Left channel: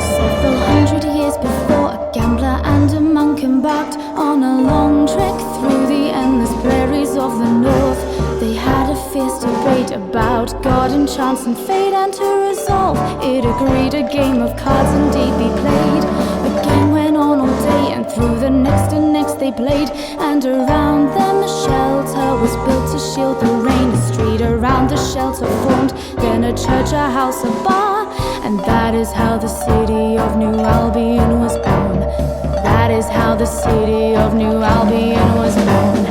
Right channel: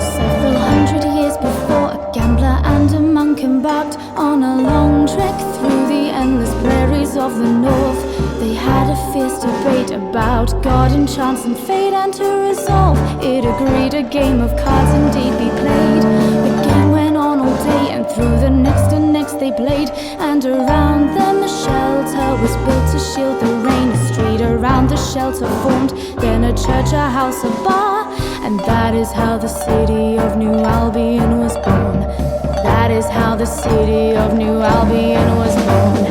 Several hundred years before, a gambler and a Steampunk embarked on a long trek through the endless prairies of the north. They had a fierce debate about God and chance and fate, and to resolve it agreed a game of cards indeed be played. The game went on all day, and through the next and next they played, and around them a shelter was built to shield the rain. A street around the shelter formed, then a church, a house, a bar, and that is how the city of New Albion was born. That is how the city of New Albion was born.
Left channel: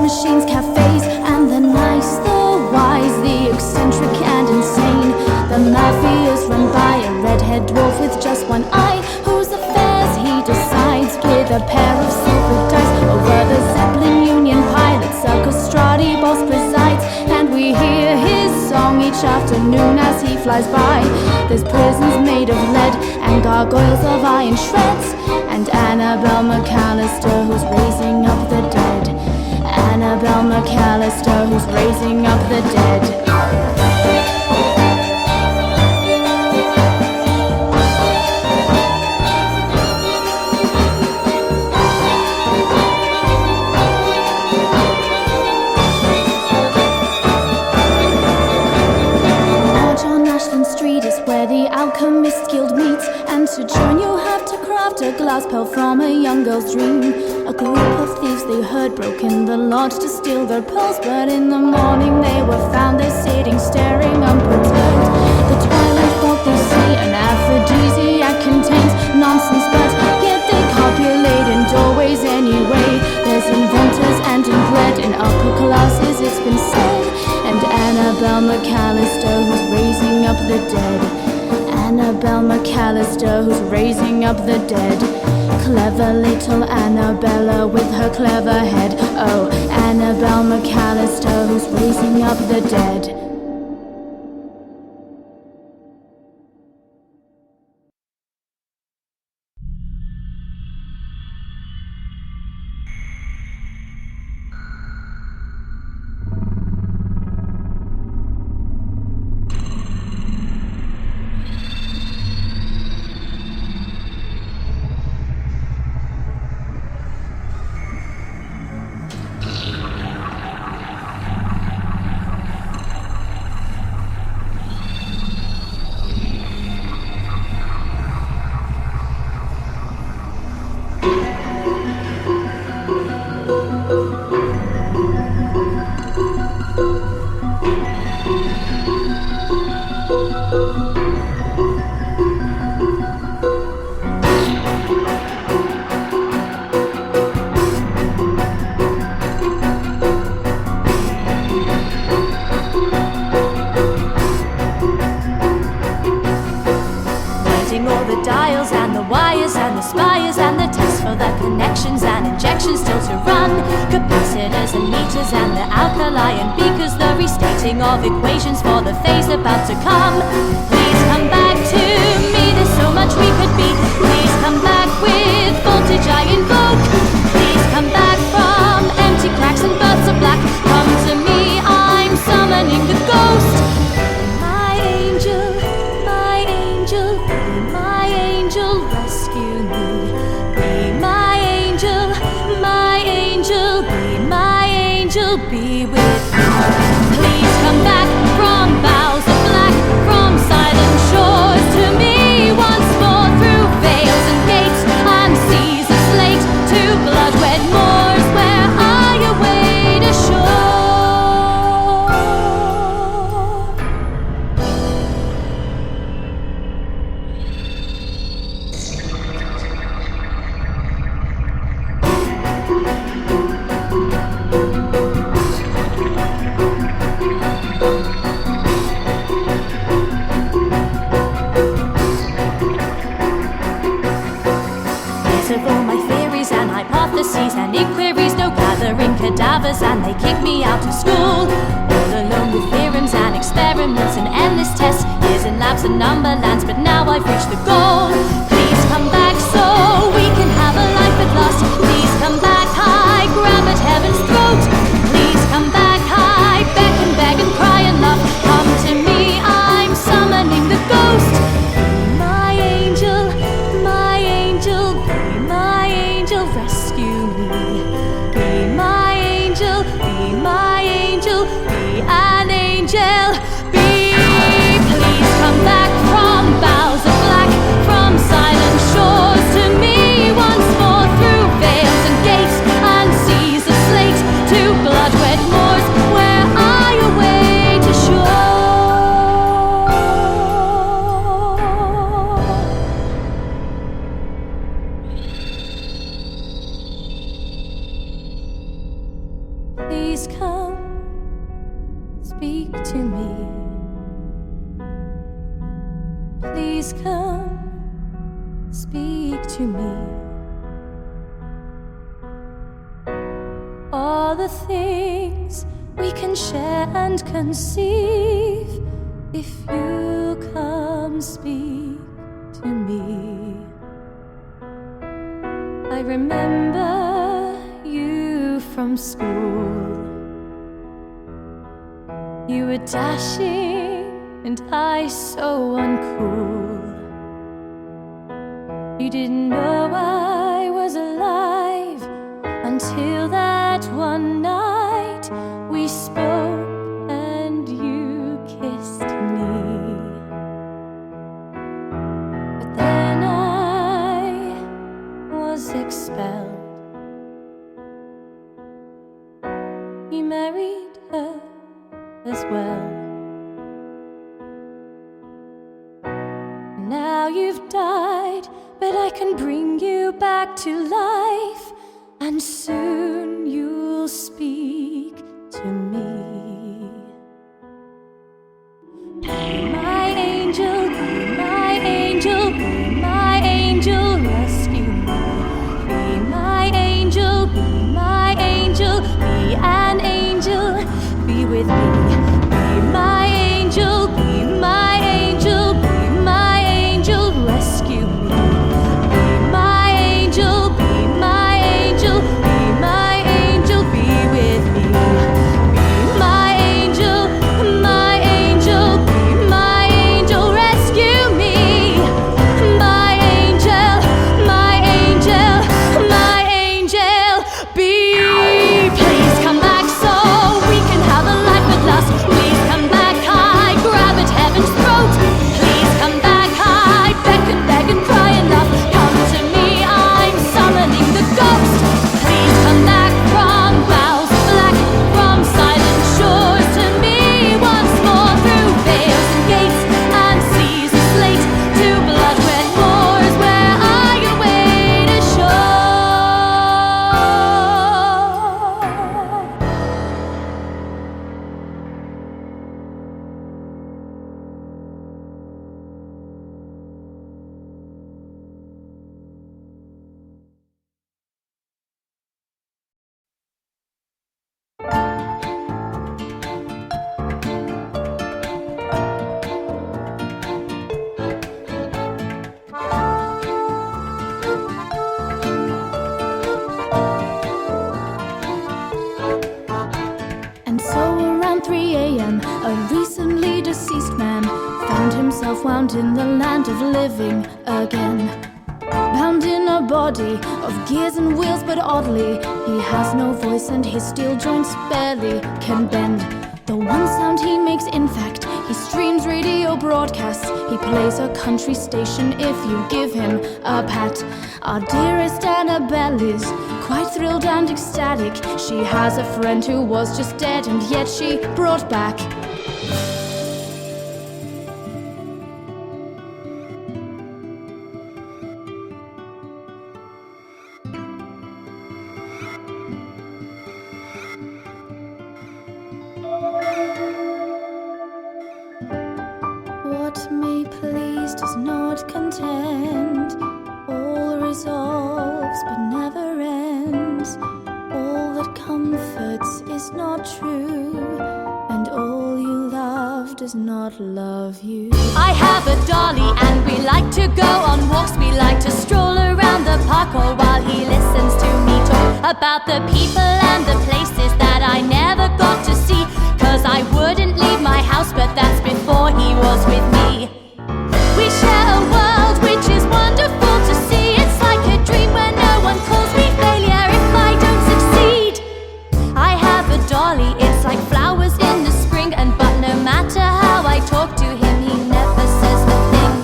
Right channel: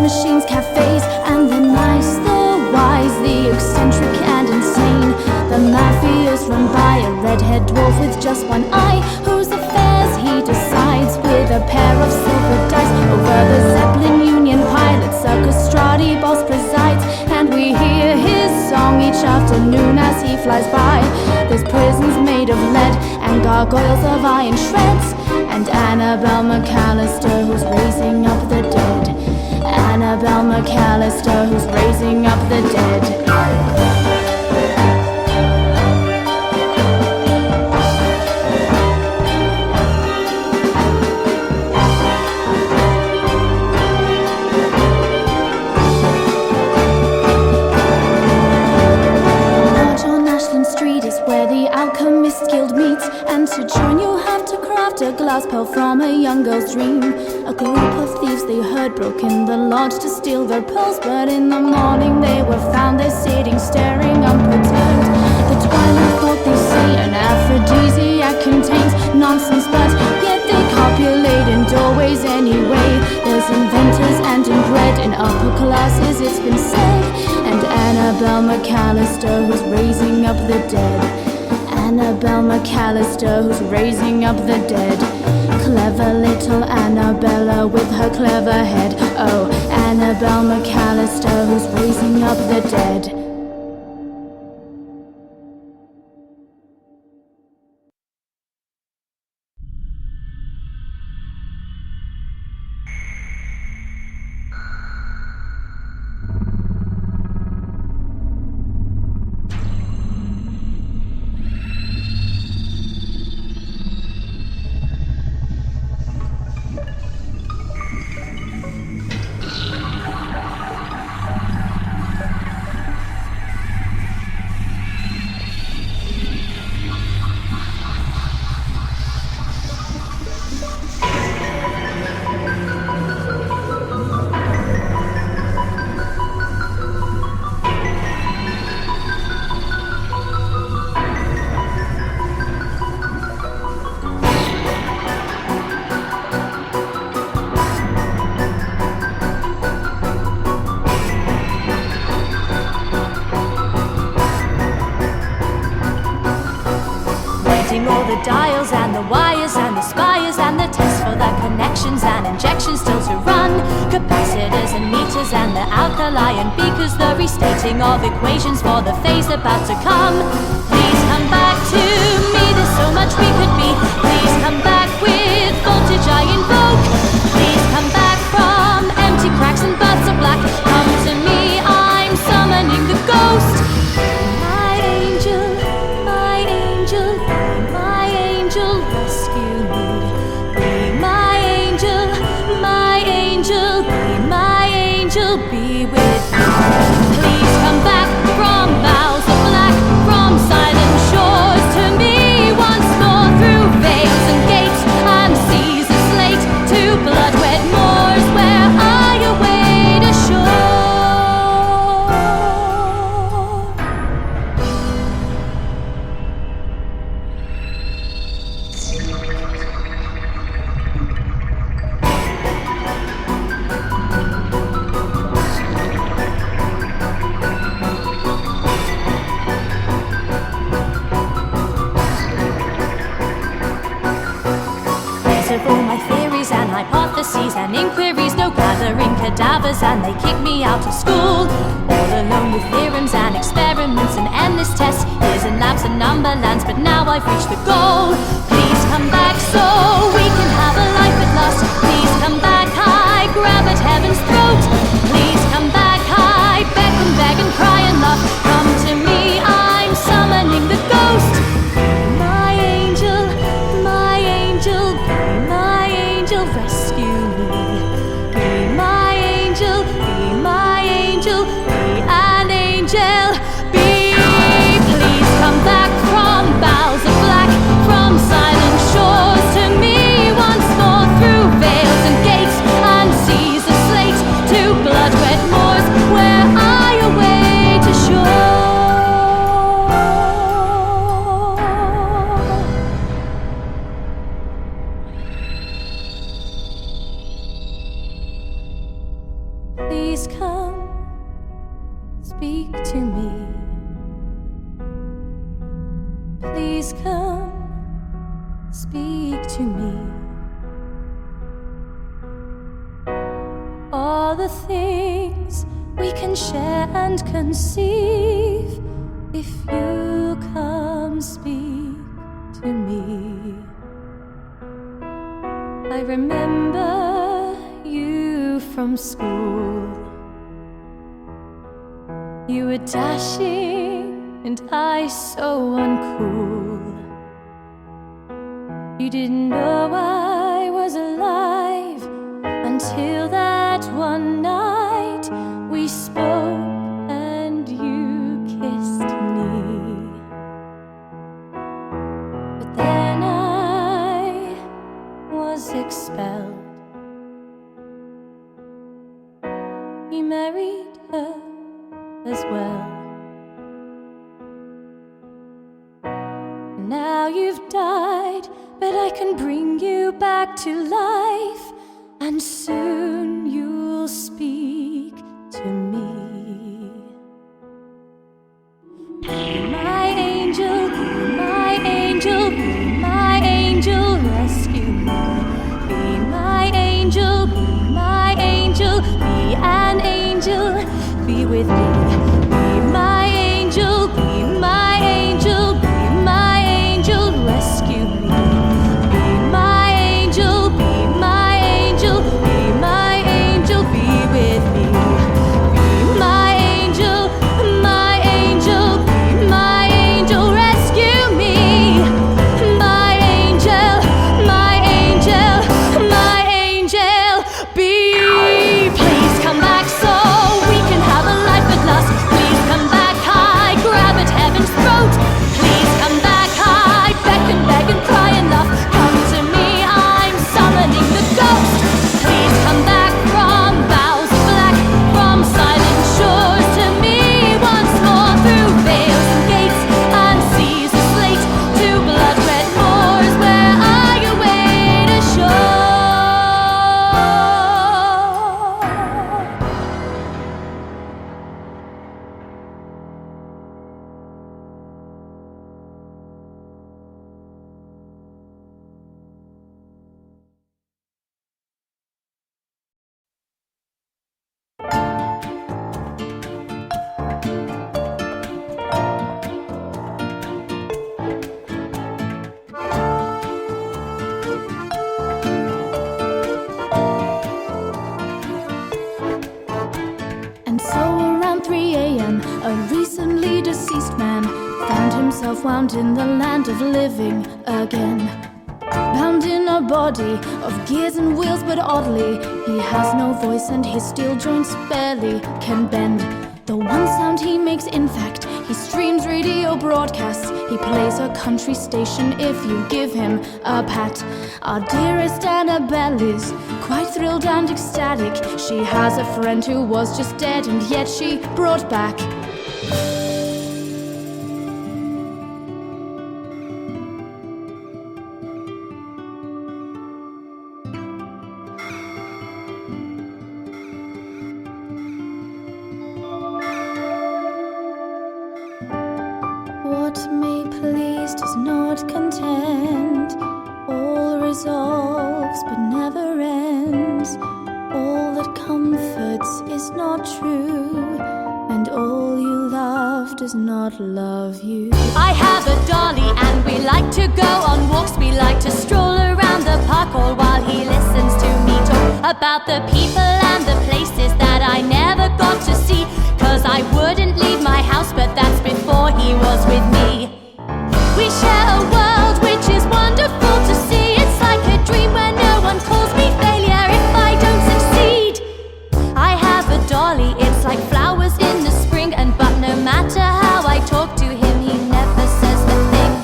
Machines, cafes, and the nice, the wise, the eccentric and insane. The mafia's run by a red-haired dwarf with just one eye, whose affairs he decides with a pair of silver dice. Over the Zeppelin Union pilot Circus Strati boss presides, and we hear his song each afternoon as he flies by. There's prisons made of lead and gargoyles of iron shreds, and Annabel McAllister who's raising up the dead. Annabel McAllister who's raising up the dead. Street is where the Alchemist Guild meets, and to join you have to craft a glass pearl from a young girl's dream. A group of thieves they heard broke in the lodge to steal their pearls, but in the morning they were found there sitting staring unperturbed. The twilight thought they say an aphrodisiac contains nonsense, but yet they copulate in doorways anyway. There's inventors and inbred in upper classes, it's been said, and Annabel McAllister who's raising up the dead. Annabel McAllister who's raising up the dead. Clever little Annabella with her clever head. Oh, Annabel McAllister who's raising up the dead. All the dials and the wires and the spires and the tests for the connections and injections still to run. Capacitors and meters and the alkali and beakers, the restating of equations for the phase about to come. Please come back to me, there's so much we could be. Please come back with voltage I invoke. Please come back from empty cracks and births of black. Come to me, I'm summoning the ghost. My angel, my angel, rescue me. Be my angel, be my angel, be with me. Please come back from boughs of black, from silent shores to me once more, through veils and gates and seas of slate, to blood-red moors where I await a shore. Of all my theories and hypotheses and inquiries, no glad gathering cadavers and they kick me out of school. All alone with theorems and experiments and endless tests, years in labs and numberlands, but now I've reached the goal. Please come back so we can have a life at last. Please come back, I grab at heaven's throat. Please come back, I beck and beg and cry and laugh. Come to me, I'm summoning the ghost. Be my angel, my angel, be my angel, rescue me. Be my angel, be my angel, be an angel, be. Please come back from boughs of black, from silent shores to me once more, through veils and gates and seas of slate, to blood-red moors where I await a shore. Please come, speak to me. Please come, speak to me. All the things we can share and conceive, if you come speak to me. I remember you from school. You were dashing and I so uncool. You didn't know I was alive until that one night we spoke and you kissed me. But then I was expelled. You married her as well. Now you've died, but I can bring you back to life, and soon you'll speak to me. Be my angel, be my angel, be my angel, rescue me. Be my angel, be my angel, be an angel, be with me. Be my angel, be my angel, be my angel, rescue me. Be my angel, be my angel, be my angel, be with me. Be my angel, my angel, be my angel, rescue me. My angel, my angel, my angel, be. Please come back so we can have a life at last. Please come back, I grab at heaven's throat. Please come back, I beckon, beg and cry and laugh. Come to me, I'm summoning the ghost. Please come back from boughs of black, from silent shores to me once more, through veils and gates and seas of slate, to blood-red moors where I await a shore. And so around 3 a.m., a recently deceased man found himself wound in the land of living again. Bound in a body of gears and wheels, but oddly, he has no voice and his steel joints barely can bend. The one sound he makes, in fact, he streams radio broadcasts. He plays a country station if you give him a pat. Our dearest Annabel is quite thrilled and ecstatic. She has a friend who was just dead and yet she brought back. What may please does not content. All resolves but never ends. All that comes comforts is not true, and all you love does not love you. I have a dolly and we like to go on walks. We like to stroll around the park all while he listens to me talk about the people and the places that I never got to see. 'Cause I wouldn't leave my house, but that's before he was with me. We share a world which is wonderful to see. It's like a dream where no one calls me failure if I don't succeed. I have a dolly, it's like flowers in the spring, and but no matter how I talk to him, he never says a thing.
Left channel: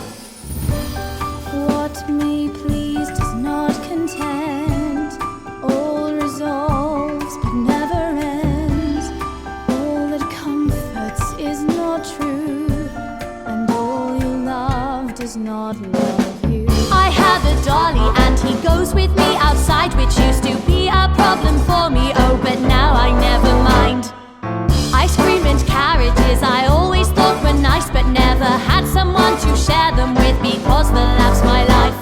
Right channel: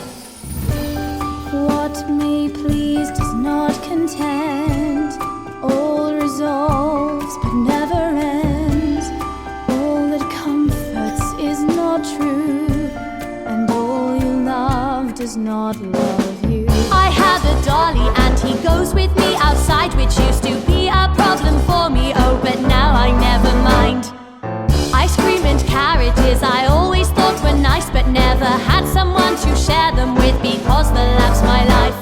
What may please does not content, all resolves but never ends. All that comforts is not true, and all you love does not love you. I have a dolly and he goes with me outside, which used to be a problem for me, oh but now I never mind. Ice cream and carriages I always thought were nice, but never had someone to share them with because the laugh's my life.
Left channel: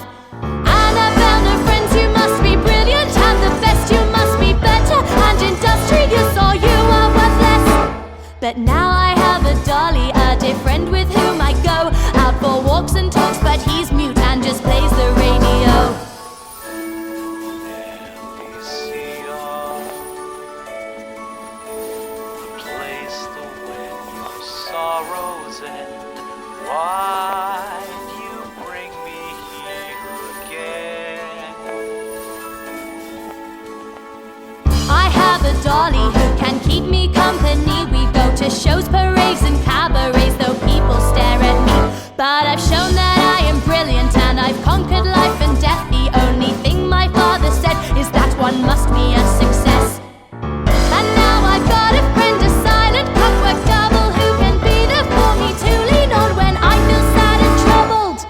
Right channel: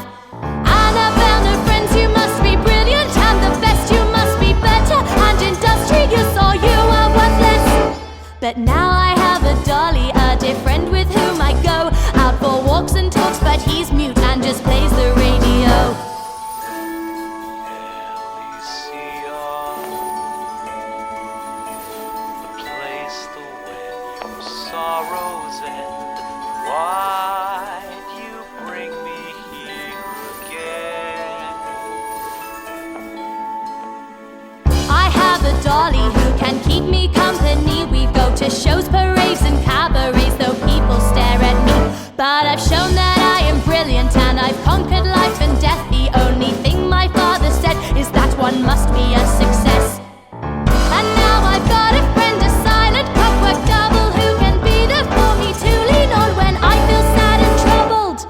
Annabel, no friends, you must be brilliant and the best, you must be better and industrious or you are worthless. But now I have a dolly, a dear friend with whom I go out for walks and talks, but he's mute and just plays the radio. Sorrows end. Why you bring me here again? I have a dolly who can keep me company. We go to shows, parades and cabarets, though people stare at me. But I've shown that I am brilliant and I've conquered life and death. The only thing my father said is that one must be a success. And now I've got a friend, a silent clockwork double, who can be there for me to lean on when I feel sad and troubled.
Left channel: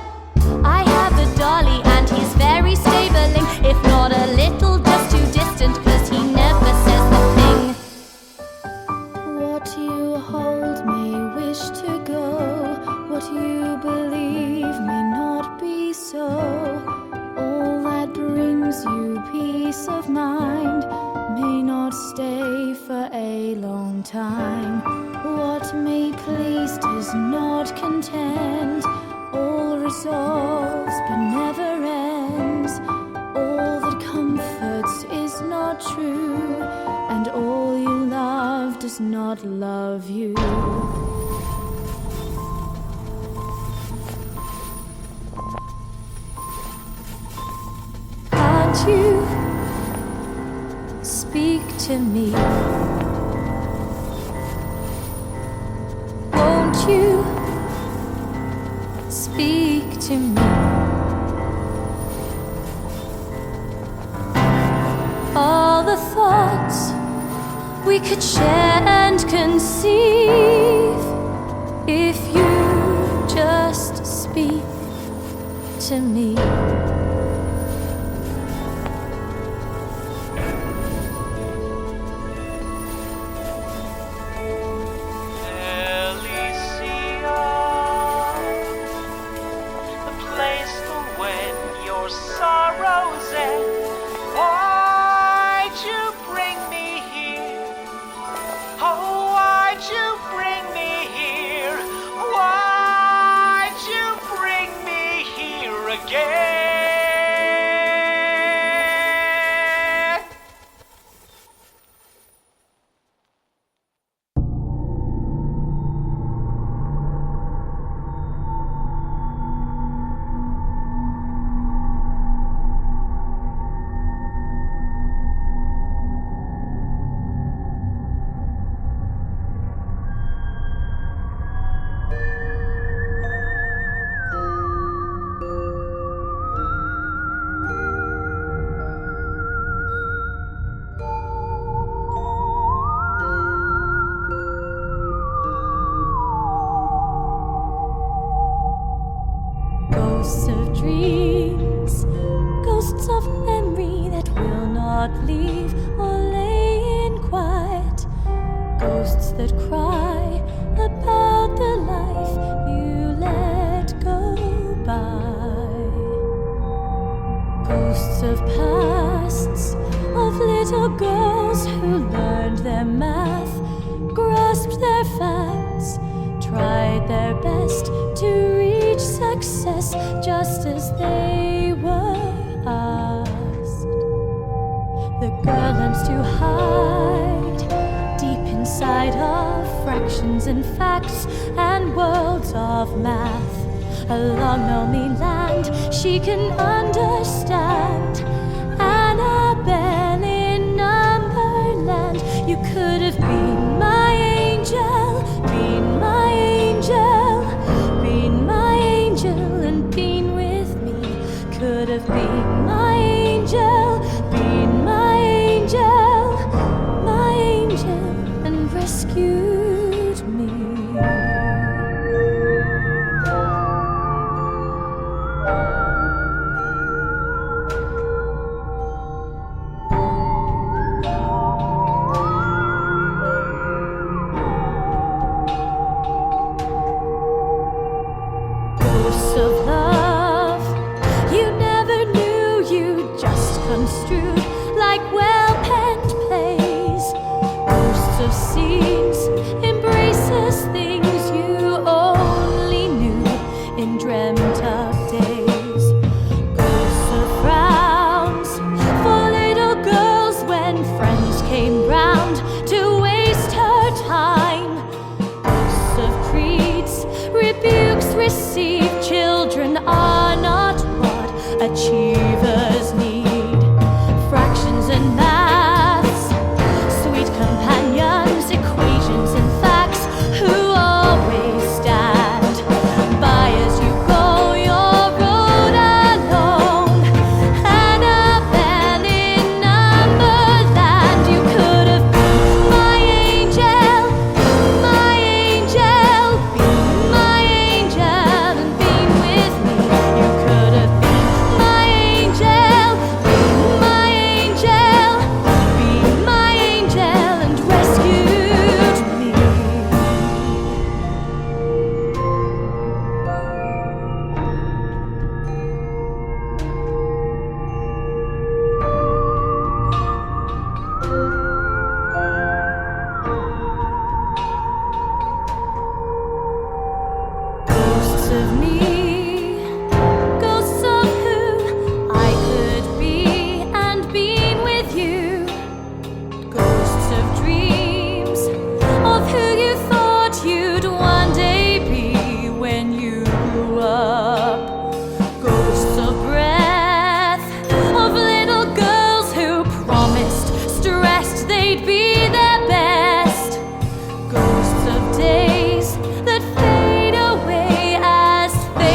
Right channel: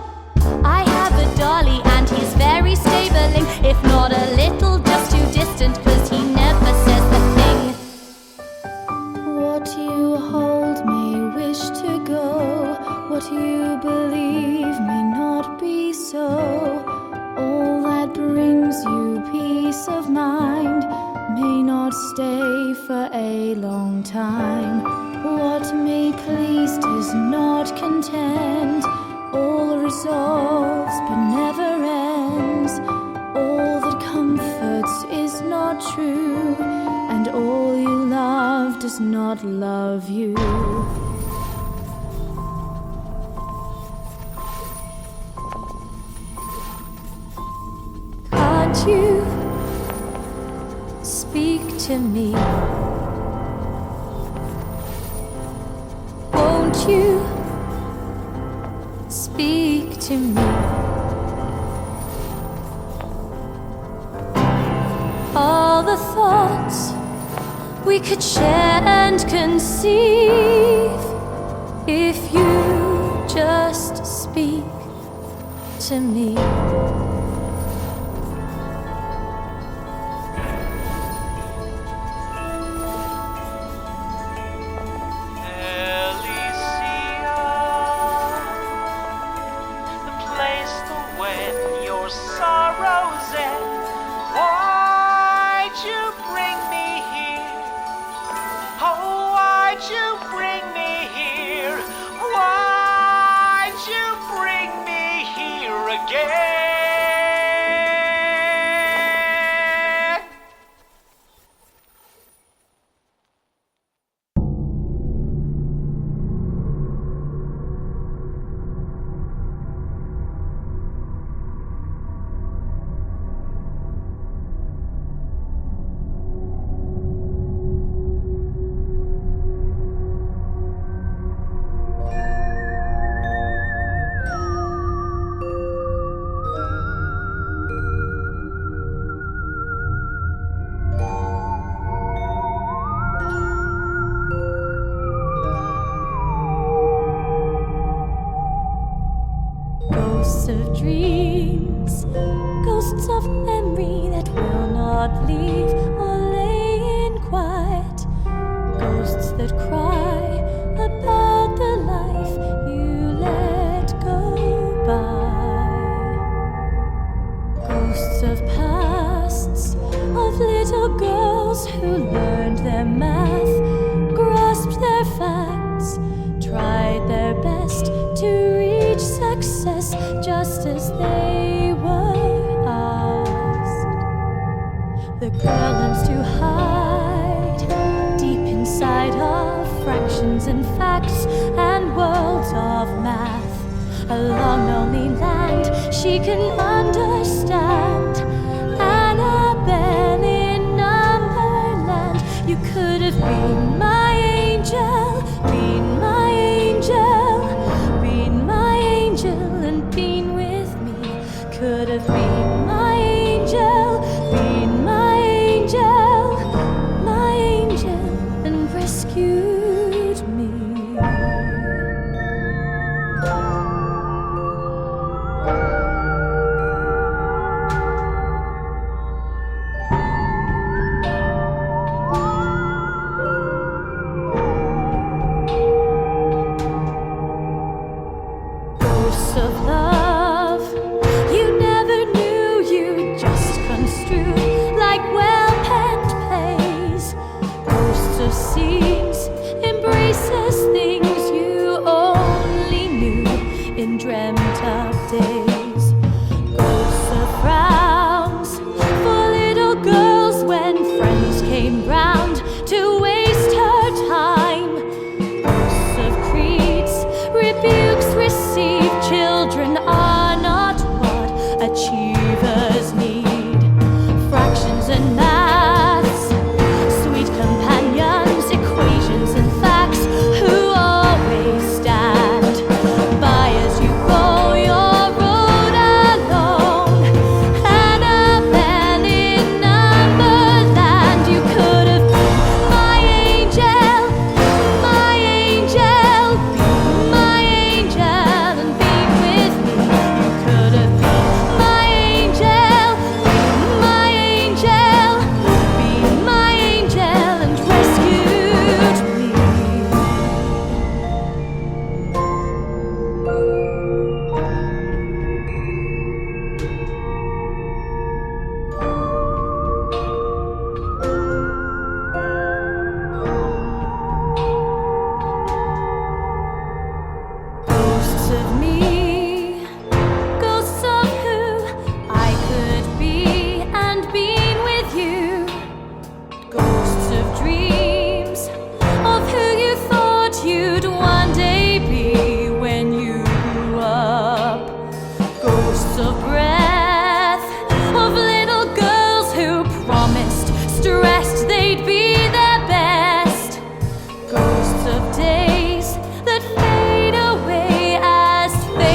I have a dolly and he's very stabling, if not a little just too distant, 'cause he never says a thing. What you hold may wish to go, what you believe may not be so. All that brings you peace of mind may not stay for a long time. What may please does not content, all resolves but never ends. All that comforts is not true, and all you love does not love you. Can't you speak to me? Won't you speak to me? All the thoughts we could share and conceive, if you just speak to me. Sorrows end. Why'd you bring me here? Oh, why'd you bring me here? Why'd you bring me here again? Ghosts of dreams, ghosts of memory that will not leave or lay in quiet, ghosts that cry about the life you let go by, ghosts of pasts, of little girls girls who learned their math, grasped their facts, tried their best to reach success just as they were asked. The girl learns to hide deep inside of fractions and facts and worlds of math. A long lonely land she can understand. Annabel in Numberland, you could have been my angel, been my angel, been my angel and been with me. Could have been my angel, been my angel, and rescued me. Ghosts of love you never knew, you just construed like well-penned plays. Ghosts of scenes, embraces, things you only knew in dreamt-up days. Ghosts of frowns for little girls when friends came round to waste her time. Ghosts of creeds, rebukes received. Children are not what achievers need. Fractions and maths, sweet companions, equations and facts, who always stand by as you go your road alone. Annabel in Numberland, you could have been my angel, been my angel and been with me. You could have been my angel, been my angel and rescued me. Ghosts of me, ghosts of who I could be and been with you. Ghosts of dreams, of who you thought you'd one day be when you grew up. Ghosts of breath, of little girls who promised, stressed they'd be their best. Ghosts of days that fade away as fate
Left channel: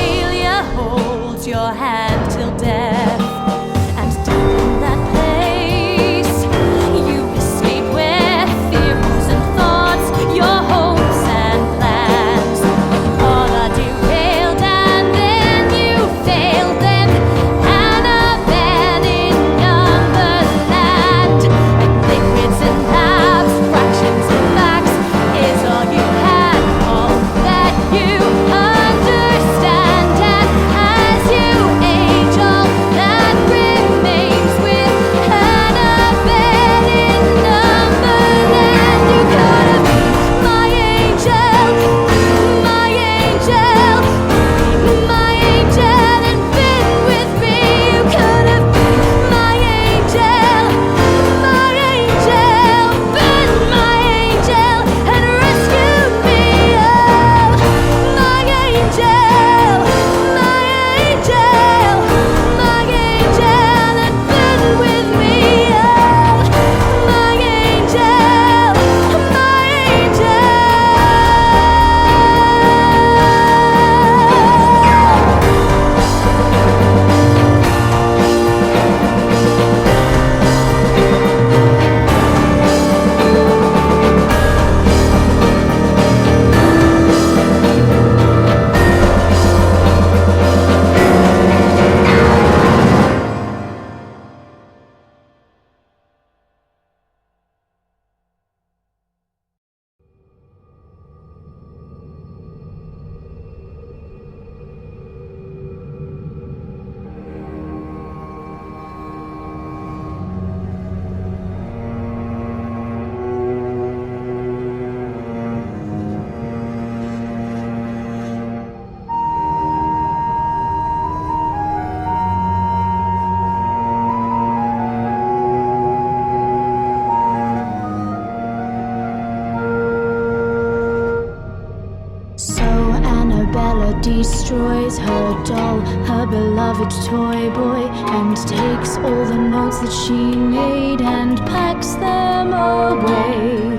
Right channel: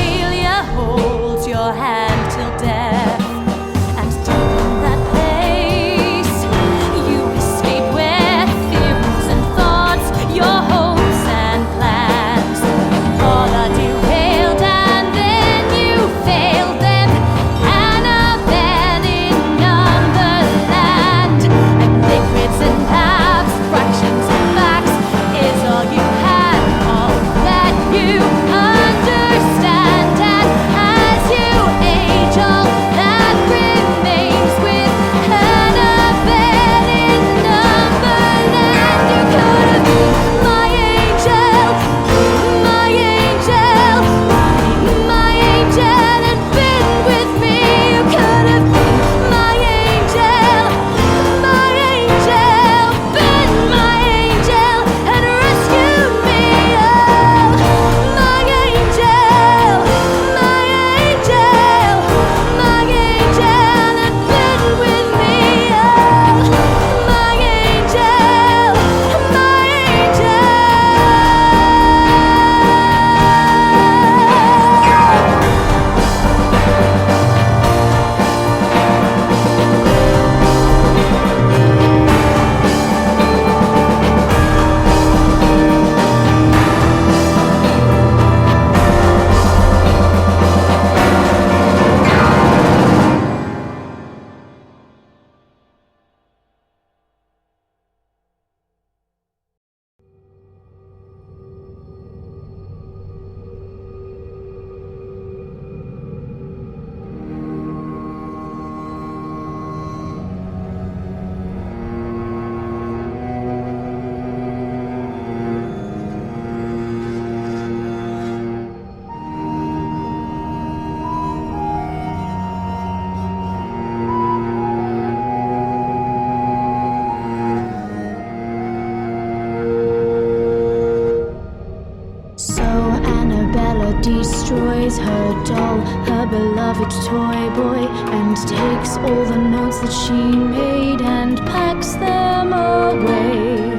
Edgar destroys her doll, her beloved toy boy, and takes all the notes that she made and packs them away.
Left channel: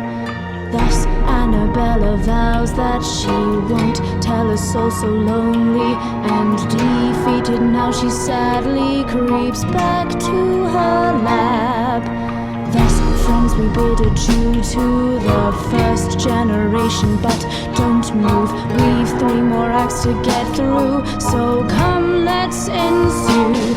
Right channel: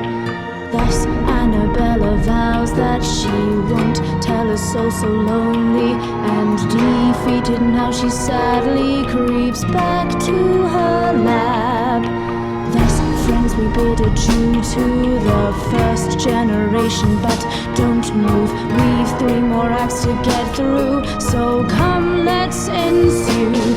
Thus Annabel vows that she won't tell her soul so lonely, and defeated now she sadly creeps back to her lab. Thus, friends, we bid adieu to the first generation, but don't move, we've 3 more acts to get through, so come, let's ensue.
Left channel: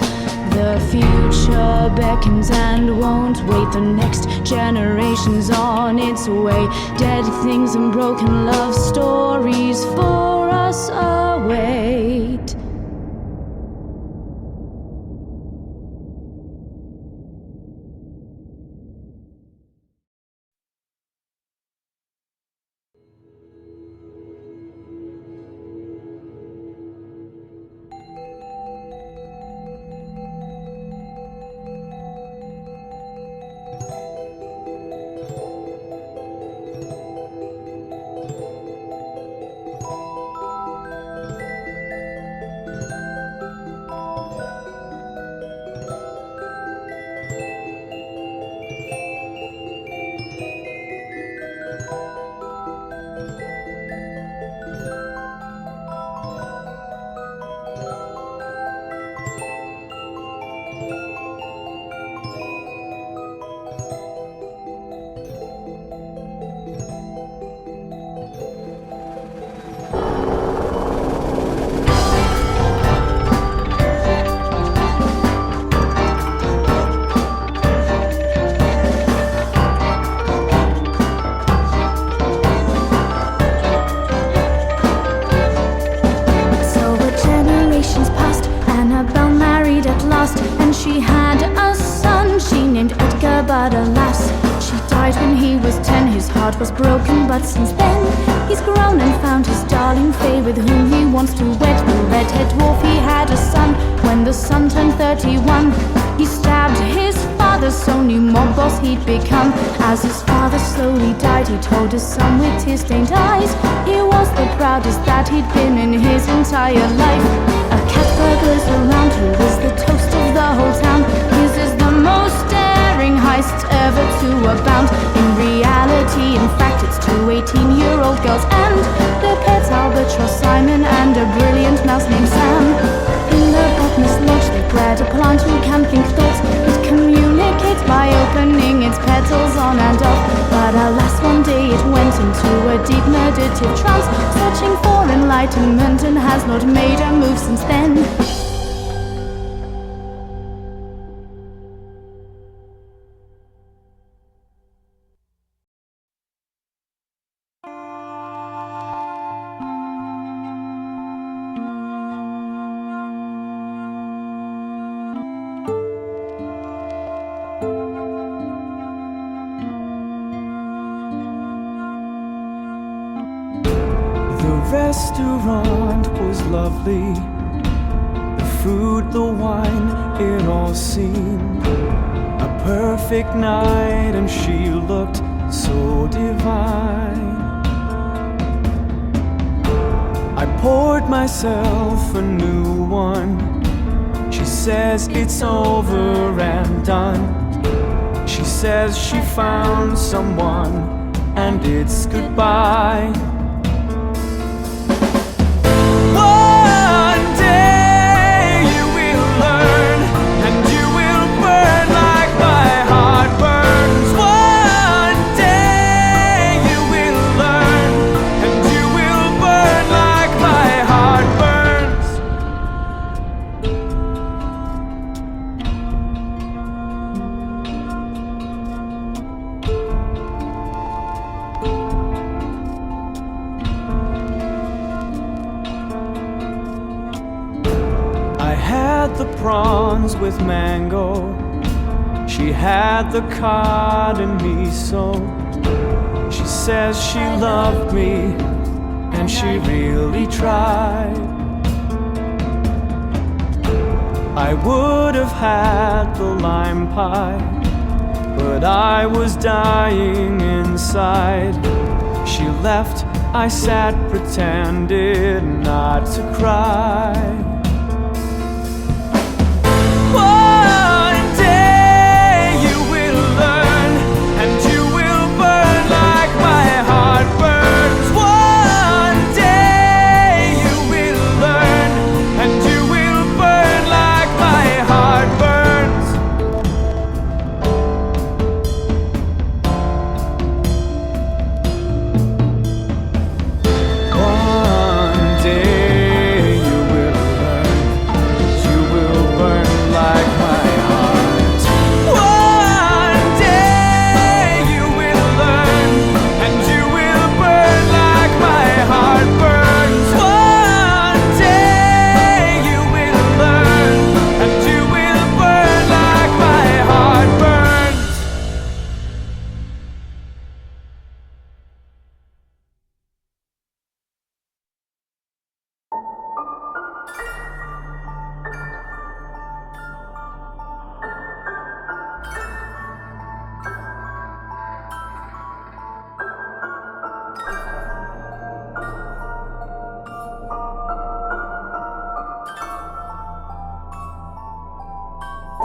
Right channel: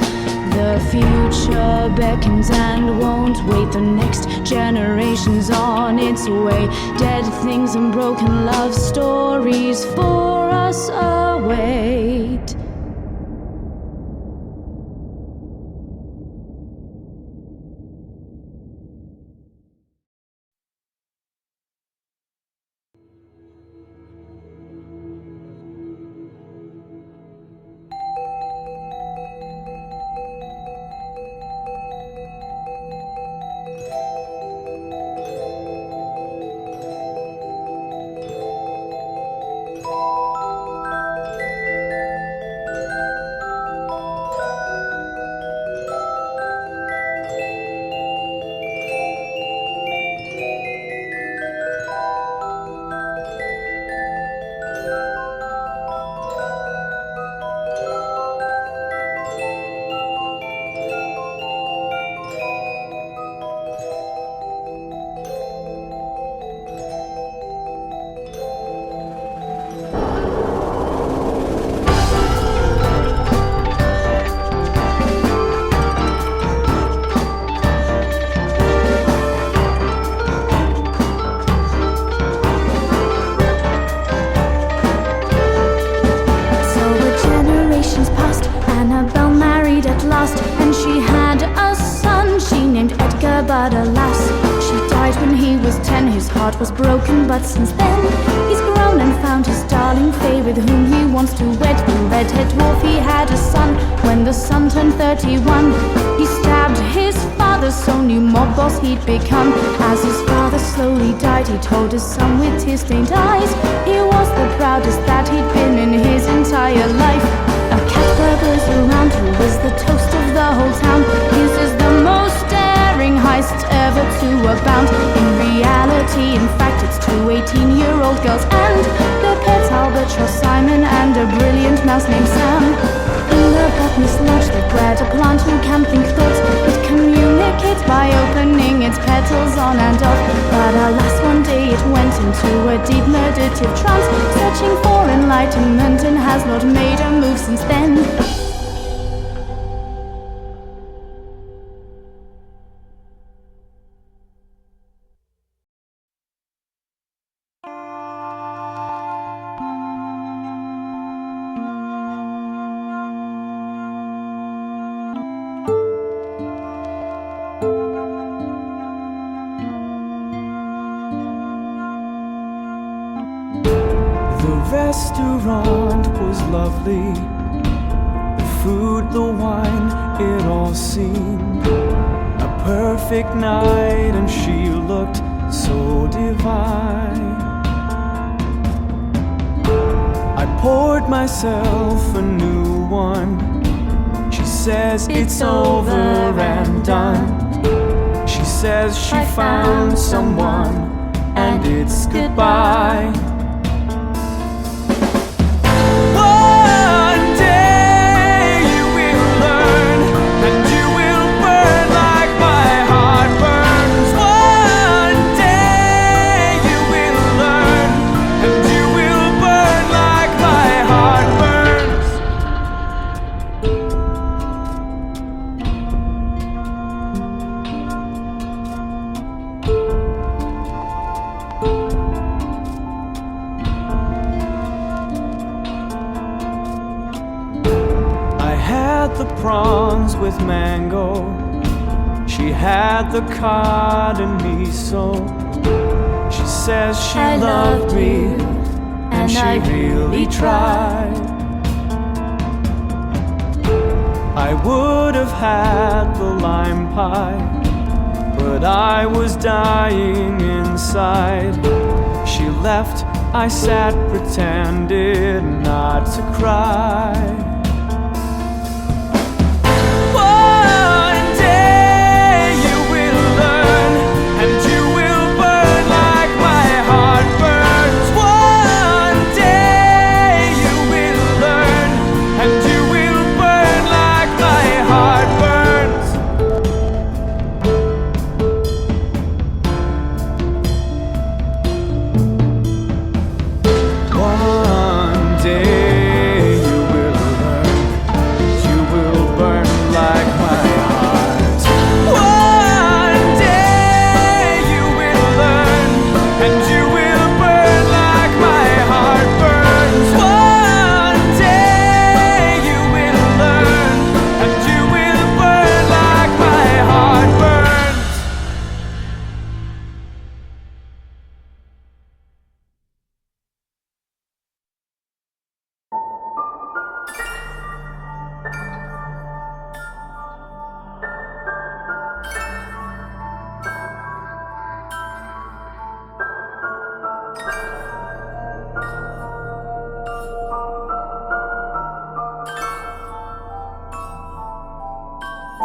The future beckons and won't wait, the next generation's on its way. Dead things and broken love stories for us await. Annabel married at last, and she had a son she named Edgar, but alas, she died when he was 10. His heart was broken, but since then he's grown and found his darling Faye, with whom he wants to wed. The redhead dwarf, he had a son. When the son turned 31, he stabbed his father, so new mob boss he'd become. As his father slowly died, he told his son with tear-stained eyes he was the proudest that he'd been in his entire life. A cat burglars around, who is the toast of the whole town. His is the most daring heist ever to abound. In reality, in fact, it's 2 18-year-old girls and their pets Albatross, Simon, and a brilliant mouse named Sam. In the botanist lodge, they bred a plant who can think thoughts. It communicates by opening its petals on and off. But alas, one day it went into a deep meditative trance, searching for enlightenment, and has not made a move since then. The restaurant was lovely, the food, the wine, it all seemed a perfect night, and she looked so divine. I poured myself a new one. She says it's over and done. She says she found someone, and it's goodbye. One day you will learn, and you will burn like my heart burns. One day you will learn, and you will burn like my heart burns. I had the prawns with mango, she had the cod and miso. She says she loved me, and she really tried. I would have had the lime pie, but I was dying inside. She left I sat, pretended not to cry. One day you will learn, and you will burn like my heart burns. One day you will learn, and you will burn like my heart burns. One day you will learn, you will burn like my heart. One day you will learn, and you will burn like my heart burns. One day you will learn, and you will burn like my heart burns.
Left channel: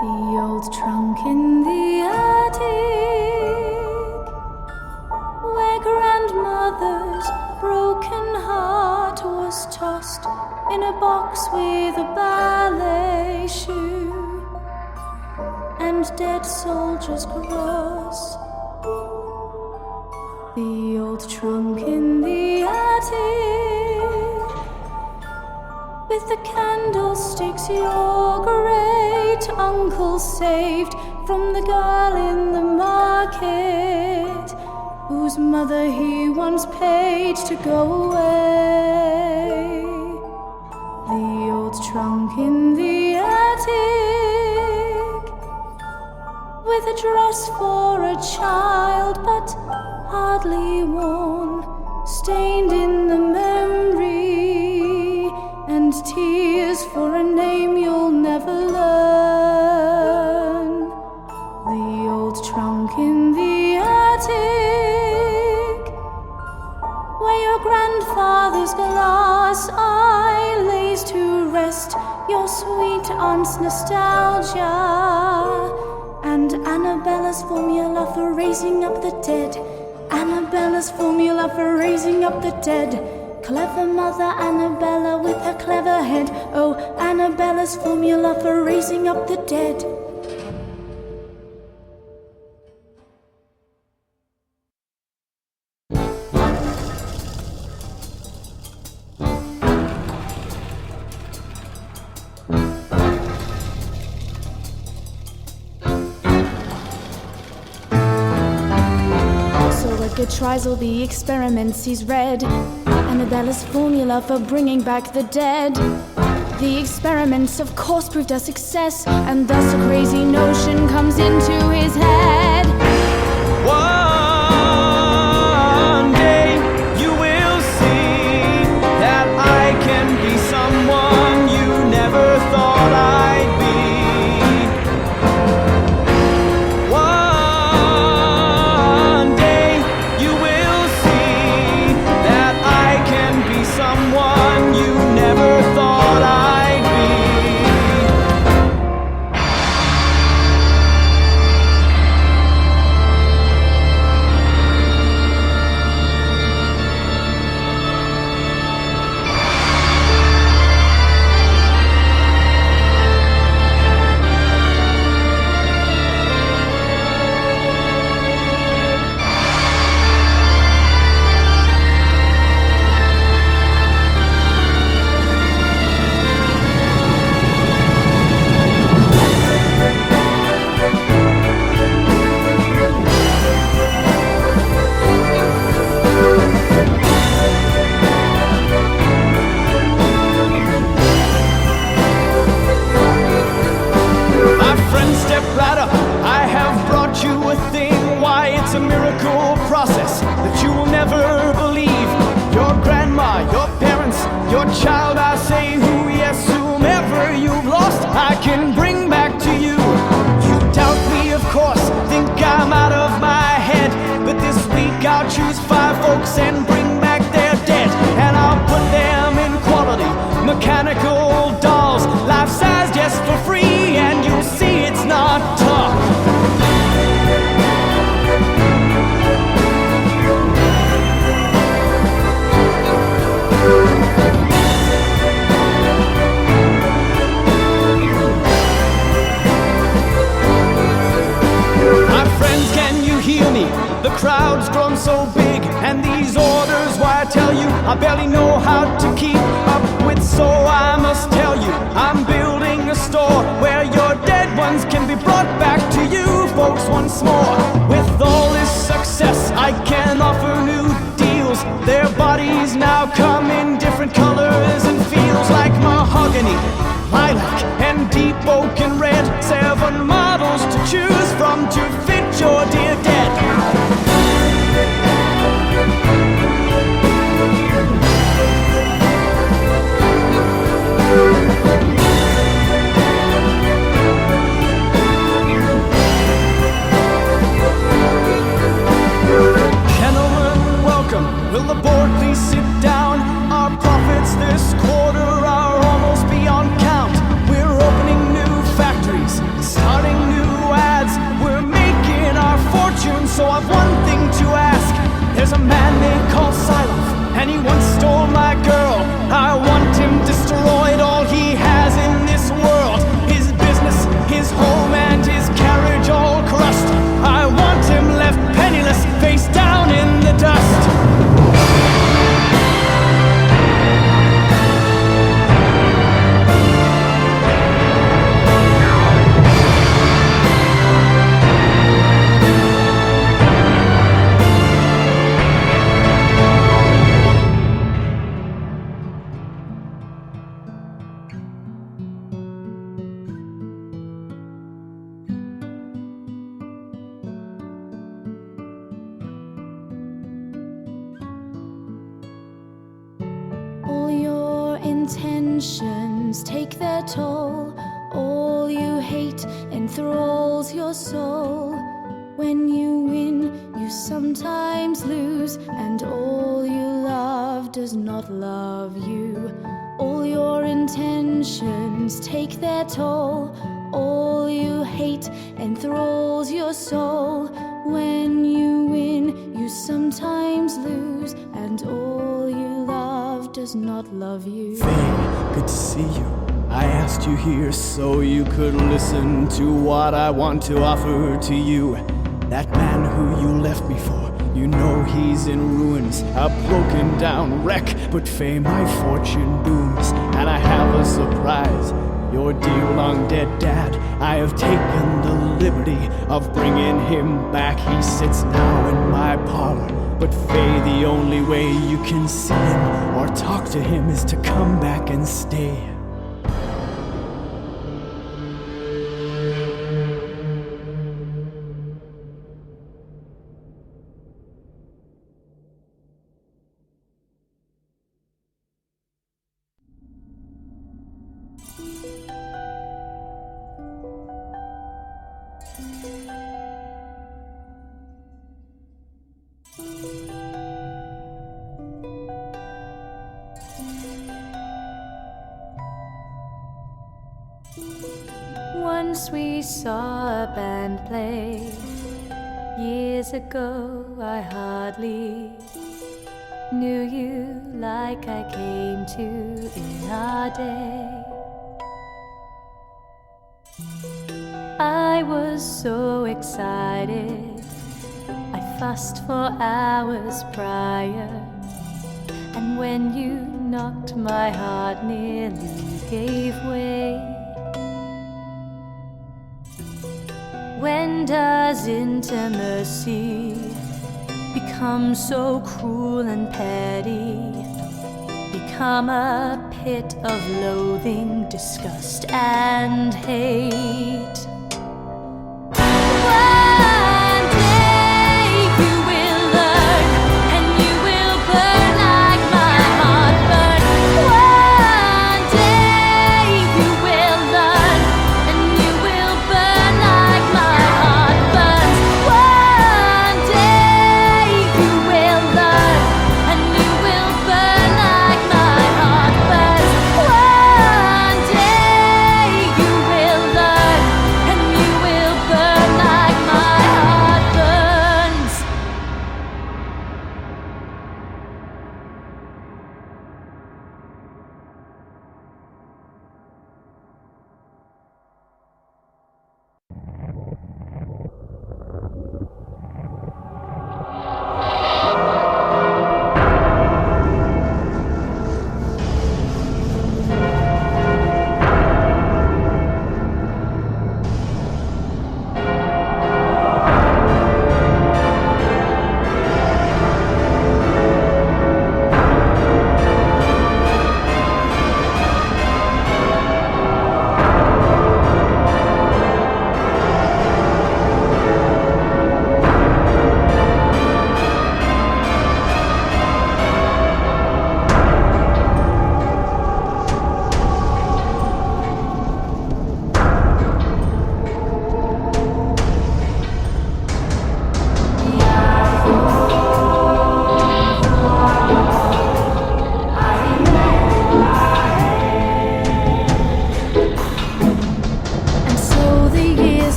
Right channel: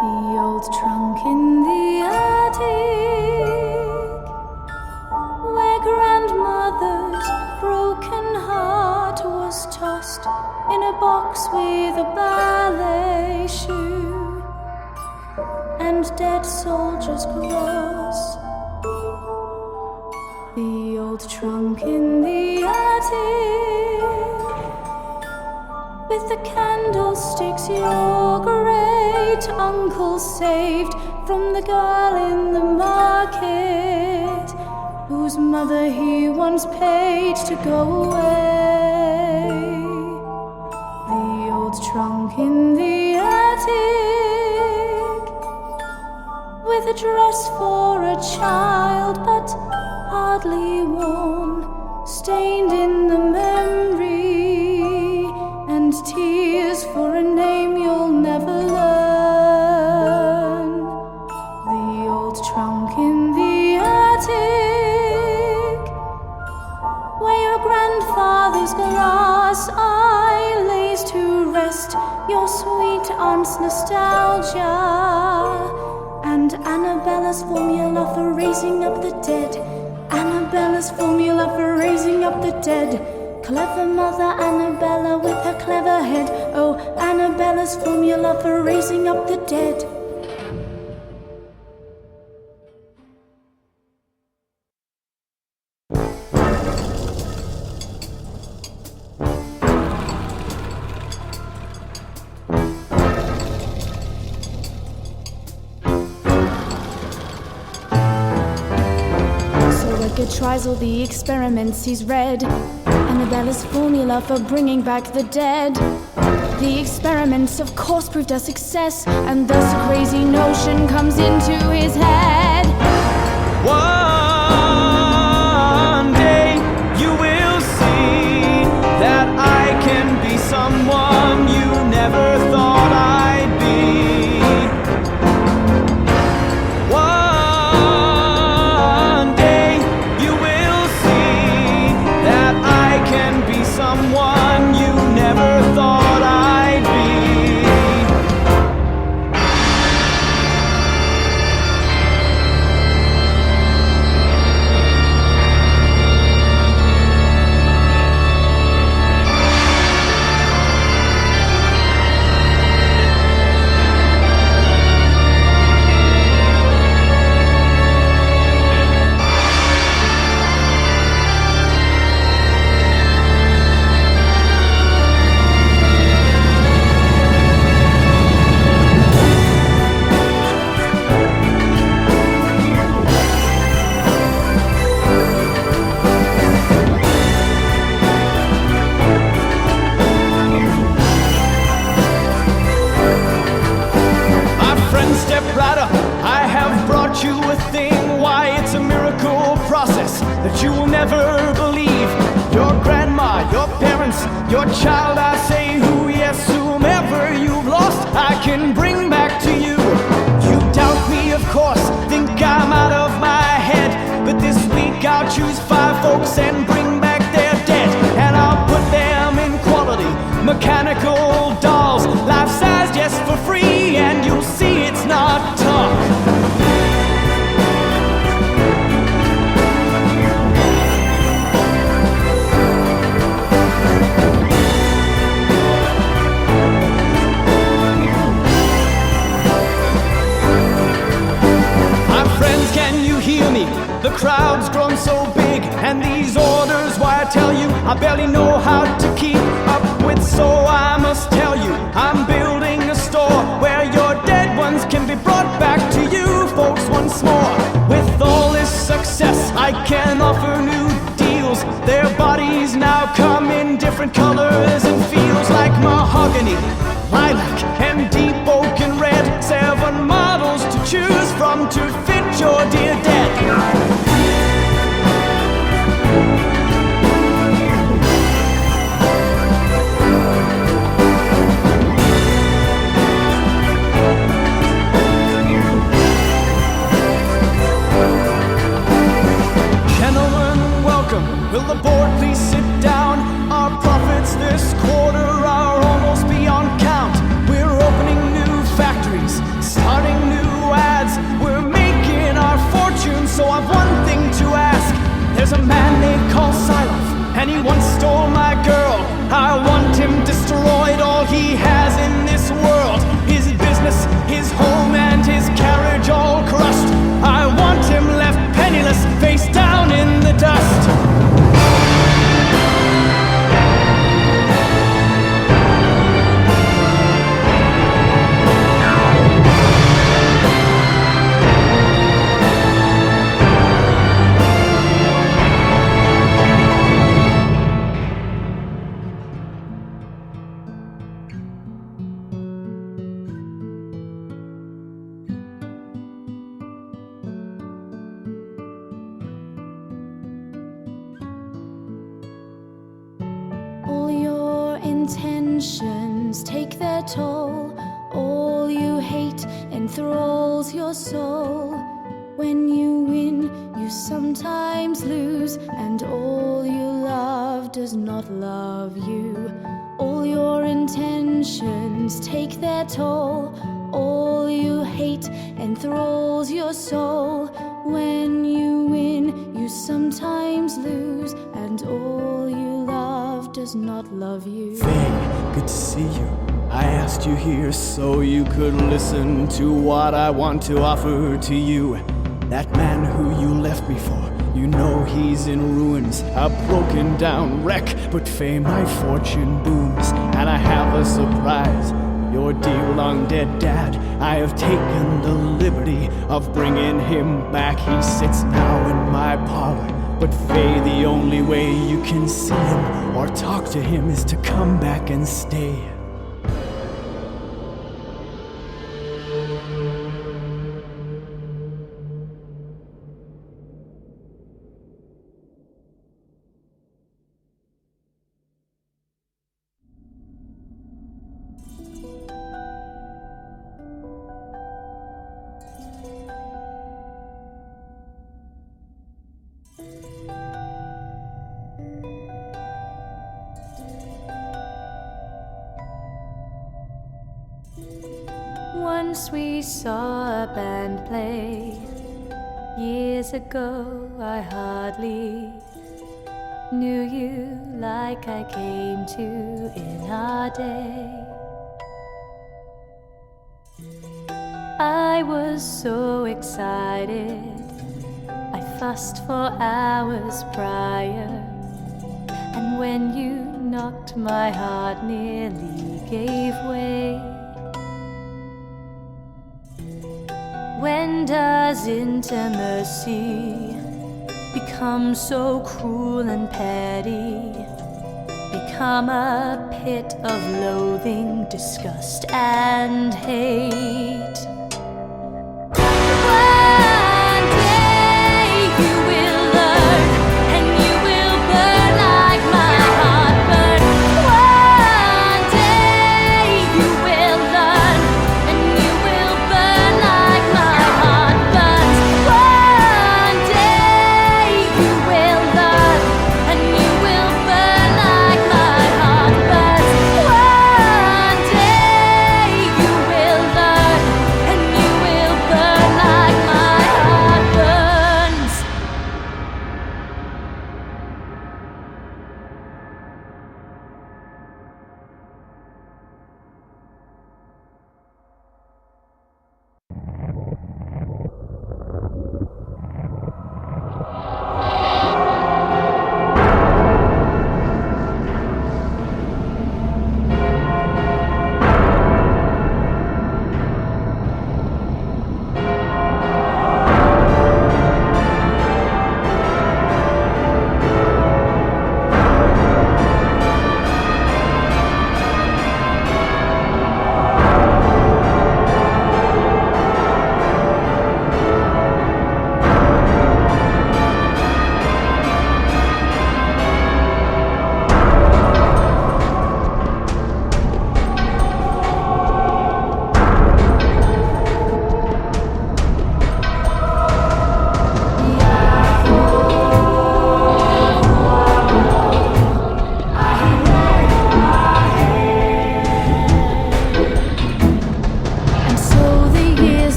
The old trunk in the attic, where grandmother's broken heart was tossed in a box with a ballet shoe and dead soldiers' cross. The old trunk in the attic, with the candlesticks your great uncle saved from the girl in the market, whose mother he once paid to go away. The old trunk in the attic, with a dress for a child but hardly worn, stained in the memory, and tears for a name you'll never learn. The old trunk in the attic, where your grandfather's glass eye lays to rest your sweet aunt's nostalgia, and Annabella's formula for raising up the dead. Annabella's formula for raising up the dead. Clever mother Annabella with her clever head. Oh, Annabella's formula for raising up the dead. So Edgar tries all the experiments he's read. Annabella's formula for bringing back the dead. The experiments of course proved a success, and thus a crazy notion comes into his head. One day you will see that I can be someone you never thought I'd be. One day you will see that I can be someone you never thought I'd be. Stepladder, I have brought you a thing. Why, it's a miracle process that you will never believe. Your grandma, your parents, your child, I say who, yes, whomever you've lost, I can bring back to you. You doubt me, of course, think I'm out of my head, but this week I'll choose 5 folks and bring back their mechanical dolls, life-size just for free, and you'll see it's not talk. Friends, can you hear me? The crowd's grown so big, and these orders, why I tell you, I barely know how to keep up with, so I must tell you, I'm building a store where your dead ones can be brought back to you folks once more. With all this success, I can offer new deals. Their bodies now come in different colors and feels, like mahogany, lilac, and deep oak and red. 7 models to choose from to fit your dear dead. Gentlemen, welcome. Will the board please sit down? Our profits this quarter are almost beyond count. We're opening new factories, starting new ads. We're making our fortune, so I've one thing to ask. There's a man they call Siloff, and he once stole my girl. I want him destroyed, all he has in this world. His business, his home, and his carriage all crushed. I want him left penniless, face down in the dust. Intentions take their toll. All you hate enthralls your soul. When you win, you sometimes lose, and all you love does not love you. All your intentions take their toll. All you hate enthralls your soul. When you win, you sometimes lose, and all you love does not love you. Faye, good to see you. I asked you here so you could listen to what I want to offer to you. That man who you left me for, you know he's in ruins, a broken down wreck. But Faye, my fortune booms, and I have a surprise. Your dear long dead dad, I have taken the liberty of bringing him back. He sits now in my parlor. But Faye, the only way you can see him or talk to him is to come back and stay. Once we saw a band play. Years ago I hardly knew you like I came to in our day. I was so excited, I fussed for hours prior, and when you knocked, my heart nearly gave way. When does intimacy become so cruel and petty, become a pit of loathing, disgust, and hate? One day you will learn, and you will burn like my heart burned. One day you will learn, and you will burn like my heart burns. One day you will learn, and you will burn like my heart burns.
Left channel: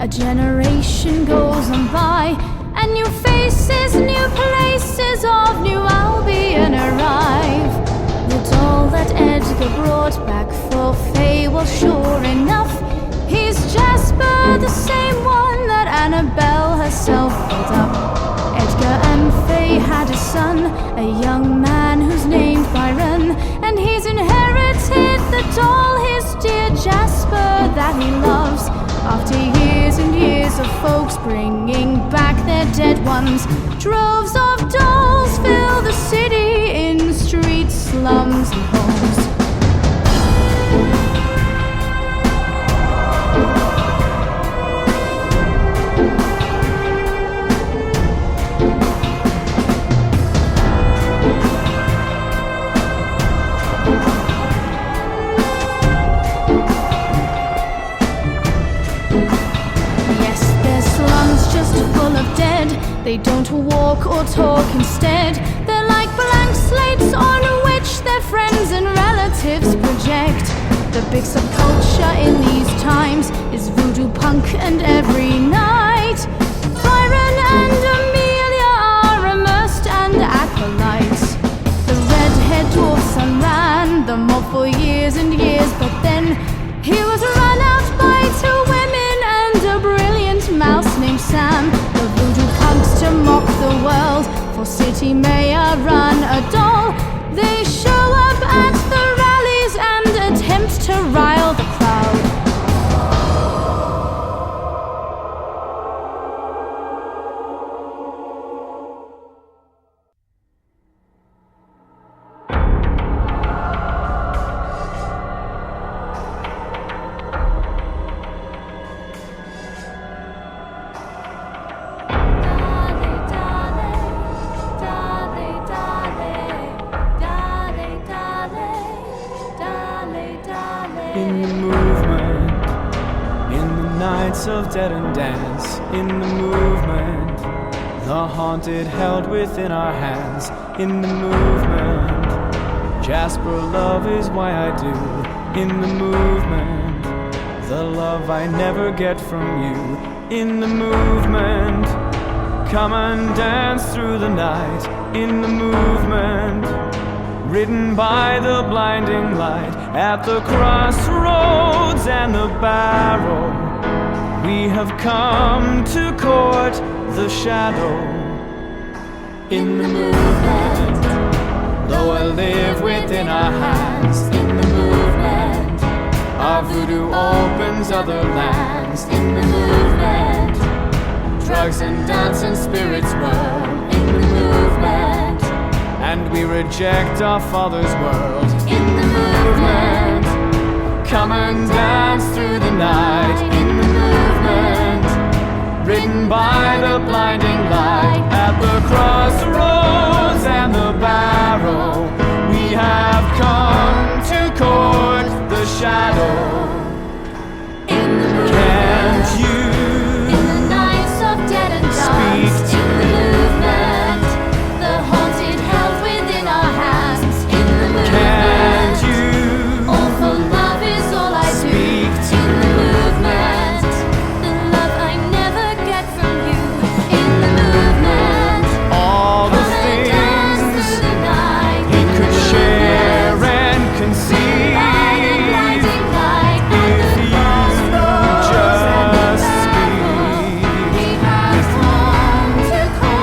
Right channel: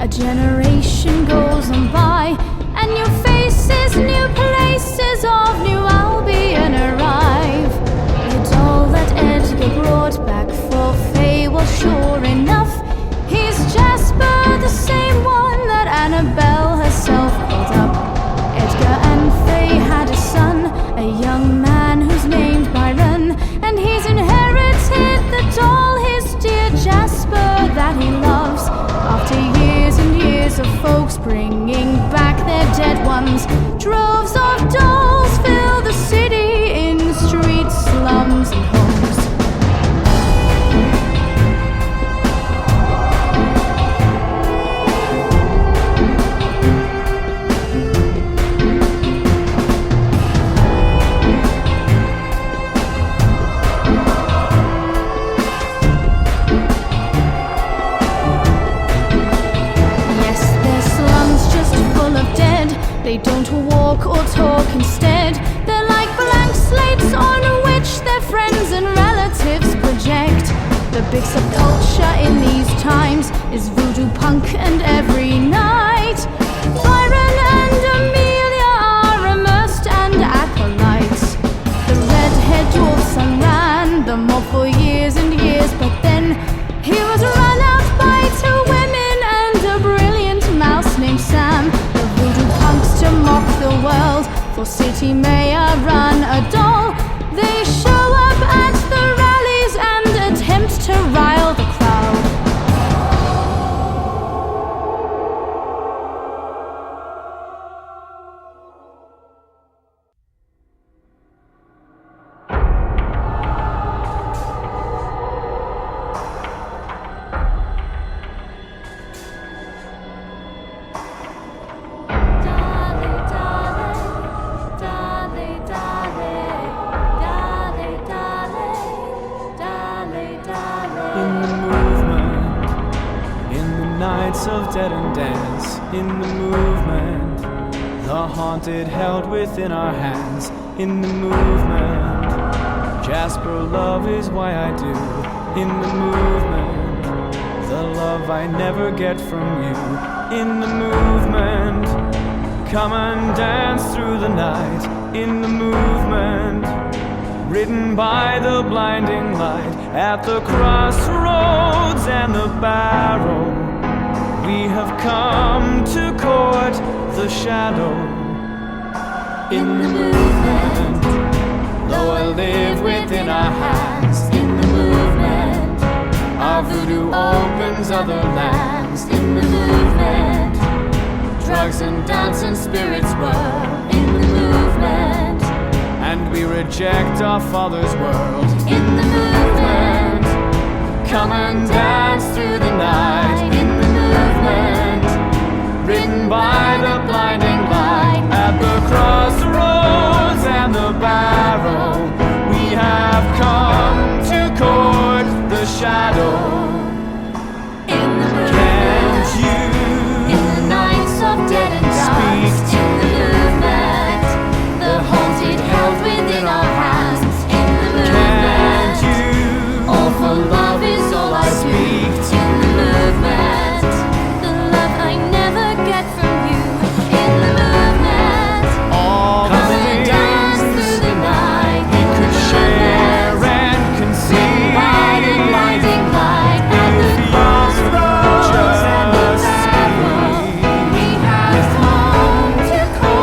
A generation goes on by, and new faces, new places of New Albion arrive. The doll that Edgar brought back for Faye, well, sure enough, he's Jasper, the same one that Annabel herself built up. Edgar and Faye had a son, a young man who's named Byron, and he's inherited the doll, his dear Jasper, that he loves. After years and years of folks bringing back their dead ones, droves of dolls fill the city in streets, slums, and homes. Of dead, they don't walk or talk, instead they're like blank slates on which their friends and relatives project. The big subculture in these times is Voodoopunk, and every night Byron and Amelia are immersed and acolytes. The redhead dwarf's son ran the mob for years and years, but then he was run out by two women and a brilliant mouse named Sam. Punks to mock the world, for city mayor run a doll. They show up at the rallies and attempt to rile the crowd. Of dead and dance in the movement, the haunted held within our hands in the movement. Jasper, love is why I do in the movement, the love I never get from you in the movement. Come and dance through the night in the movement, ridden by the blinding light at the crossroads and the barrow. We have come to court the shadow in the movement. Though I live within our hands in the movement, our voodoo opens other lands in the movement. Drugs and dance and spirits whirl in the movement, and we reject our father's world in the movement. Come and dance through the night in the movement, ridden by the blinding light at the crossroads and the barrow. We have come to court the shadow in the movement. Can't you, in the nights of dead and dust, in the movement, the haunted held within our hands in the movement. Can't you, all for love is all I do in the movement, the love I never get from you in the movement. All the things through the night we could share and conceive by the blinding light at the crossroads and the barrow. We have come to court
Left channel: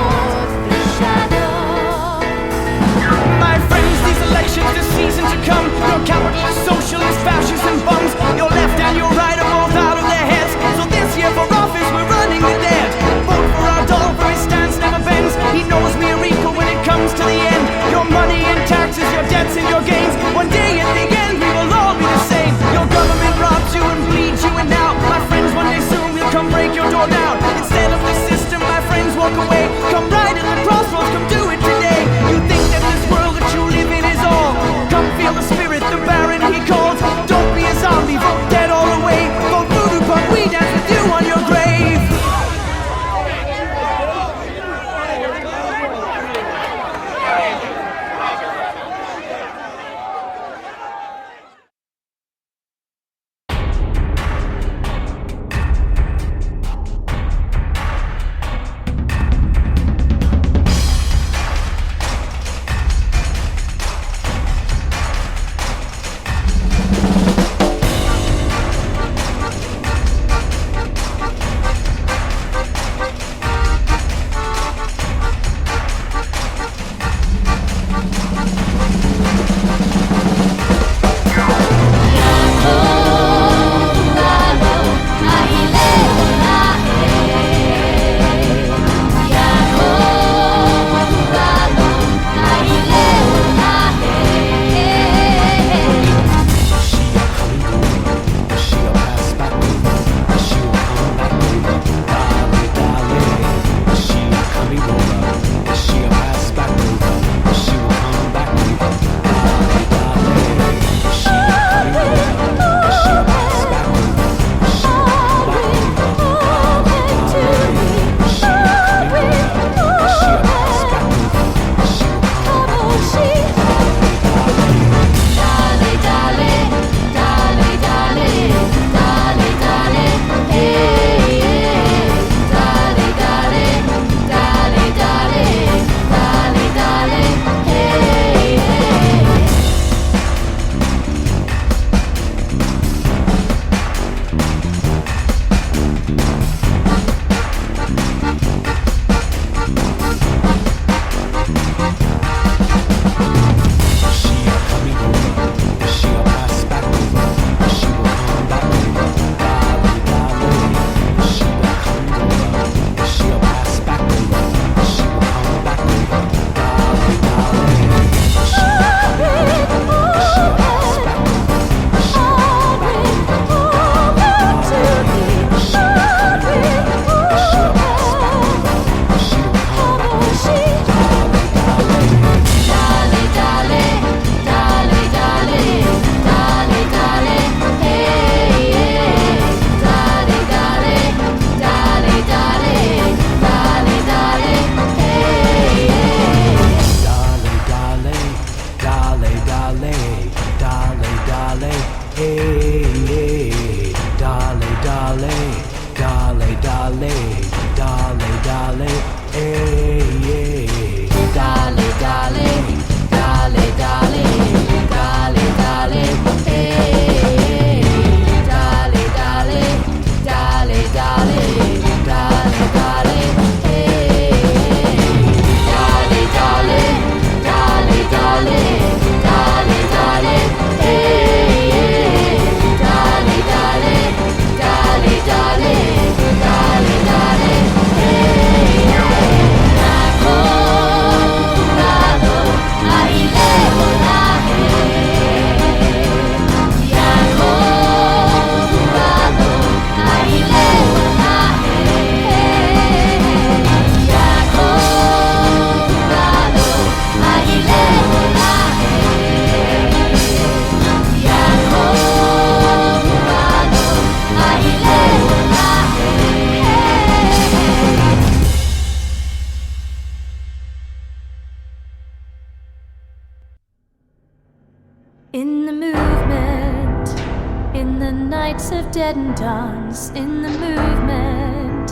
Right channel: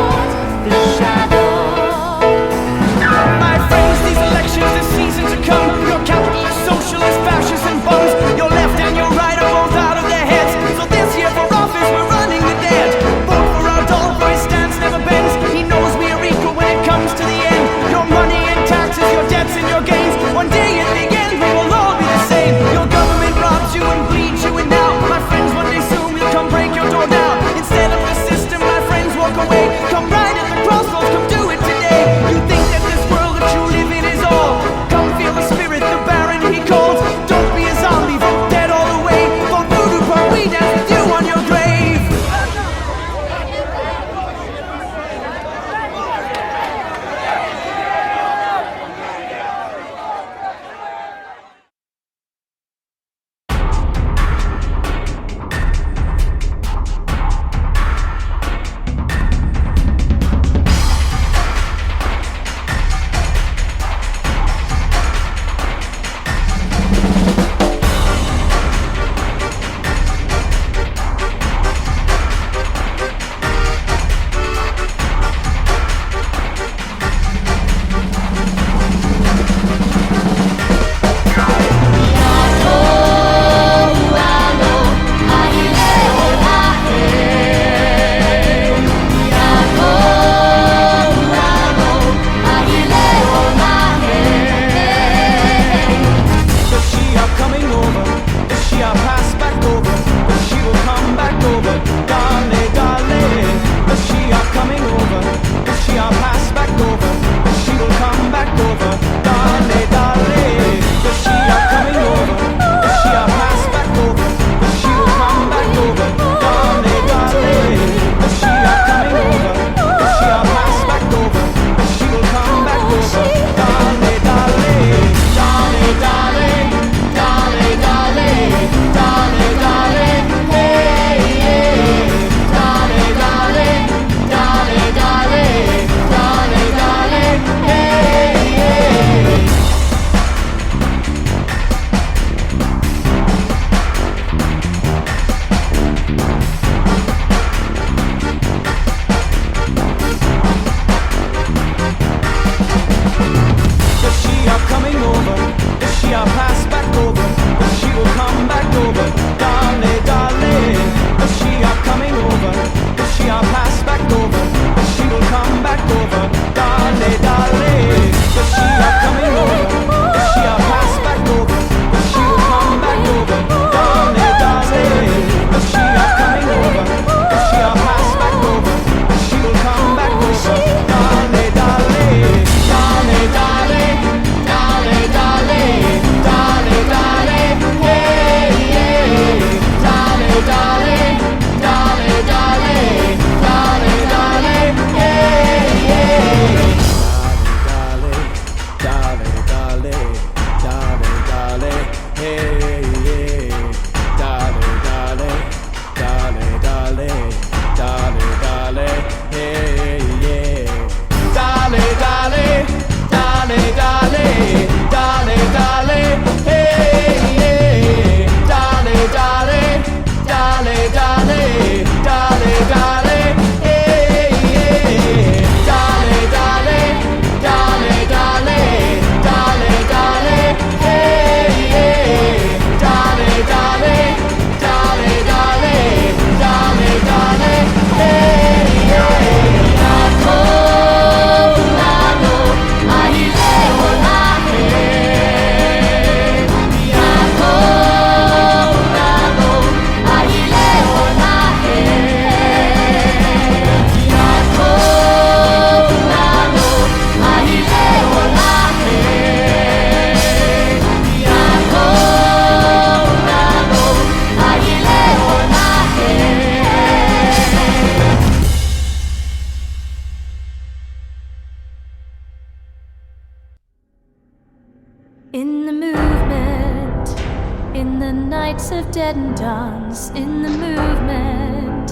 In the nights of deadened dance, in the movement,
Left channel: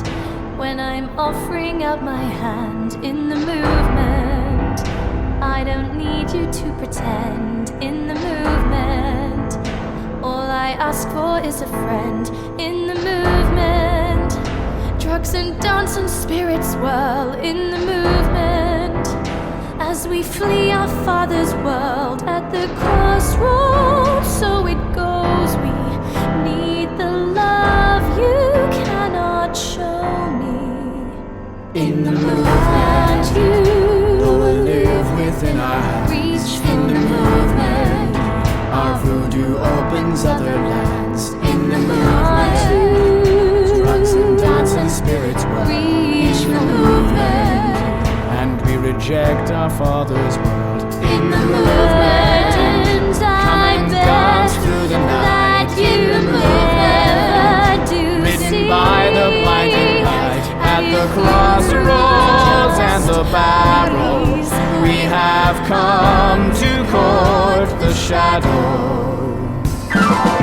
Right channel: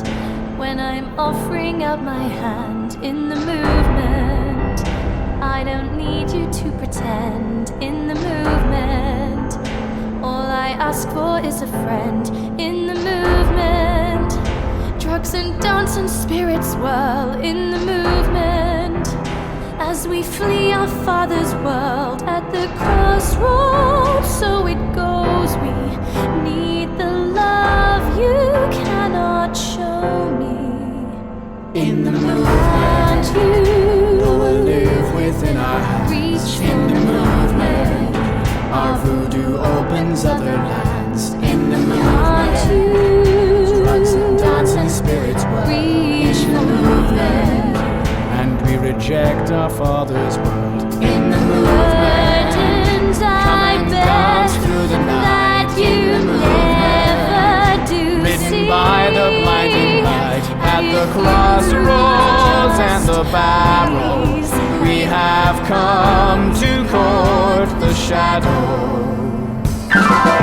when I'm offering out my hand in the movement, I don't need you to pretend in the movement. All I ask for is a friend in the movement. Drugs and dance and spirits swirl in the movement. As we flee our Father's world at the crossroads, so it goes, we need the love you cannot show me. In the movement, And you though we live within our hands. reach In the movement, our voodoo opens other lands. In the movement, drugs and dance and spirits world. reach In the movement, and we reject our Father's world. In the movement, burdens come I and bear dance through the night. that In you the never do ridden see. by the blinding light at the crossroads and the barrow, we have come to court the shadow.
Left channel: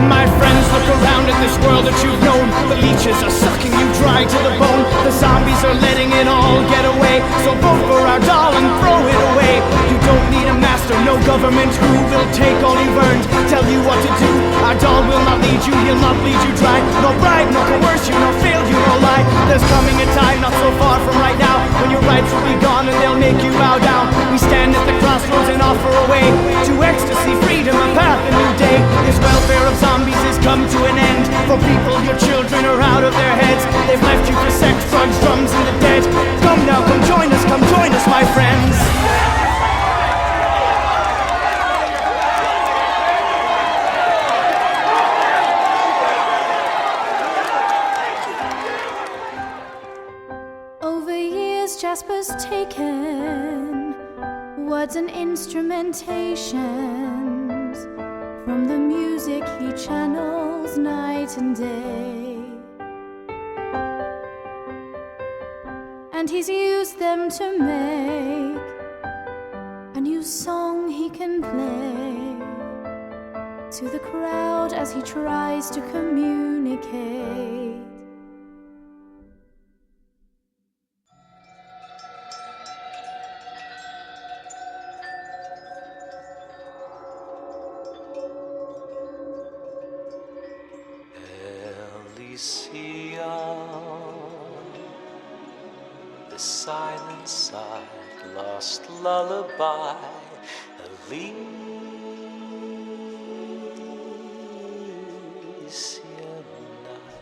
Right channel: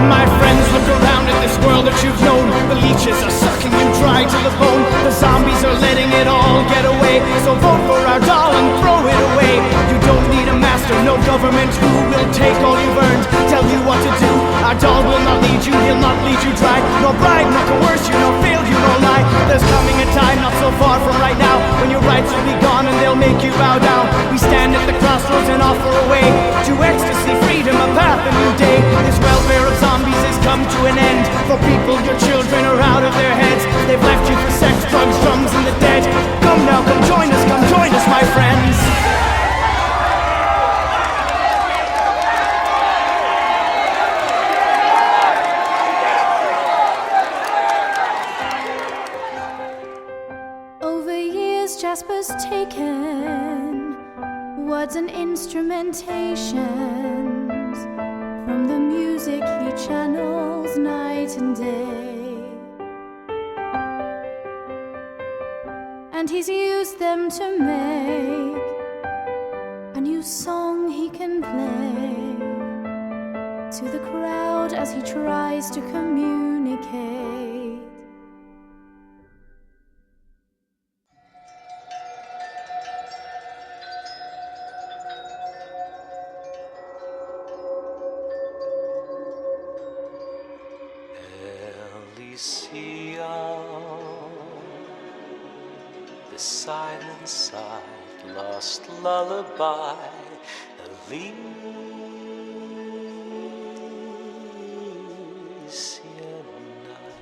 My friends, look around at this world that you've known. The leeches are sucking you dry to the bone. The zombies are letting it all get away. So vote for our doll and throw it away. You don't need a master, no government who will take all you've earned, tell you what to do. Our doll will not lead you, he'll not lead you dry. No bribe, no coerce you, no fail you, no lie. There's coming a time not so far from right now when your rights will be gone and they'll make you bow down. We stand at the crossroads and offer a way to ecstasy, freedom, a path, a new day. This welfare of zombies has come to an end. For people, your children are out of their heads. They've left you for sex, drugs, drums, and the dead. Come now, come join us, my friends. Over years, Jasper's taken words and instrumentations from the music he channels night and day, and he's used them to make a new song he can play to the crowd as he tries to communicate. The silent side, lost lullaby, Elysian Night.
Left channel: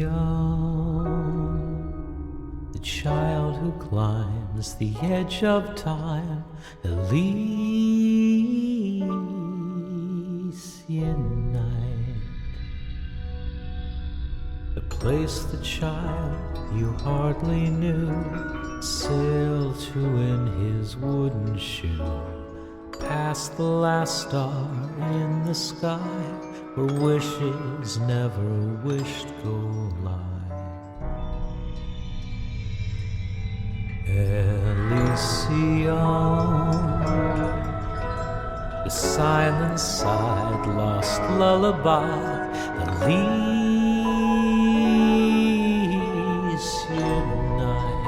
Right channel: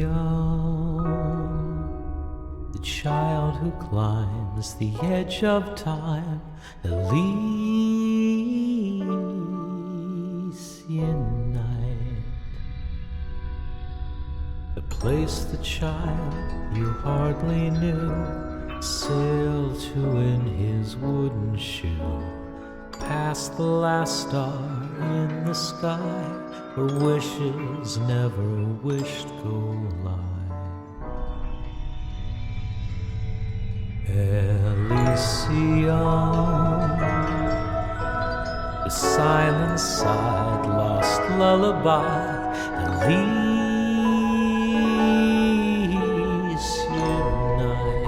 Elysian, the child who climbs the edge of time. Elysian Night, the place the child you hardly knew sailed to in his wooden shoe, past the last star in the sky, where wishes never wished go live. Elysian, the silent side, lost lullaby, Elysian Night,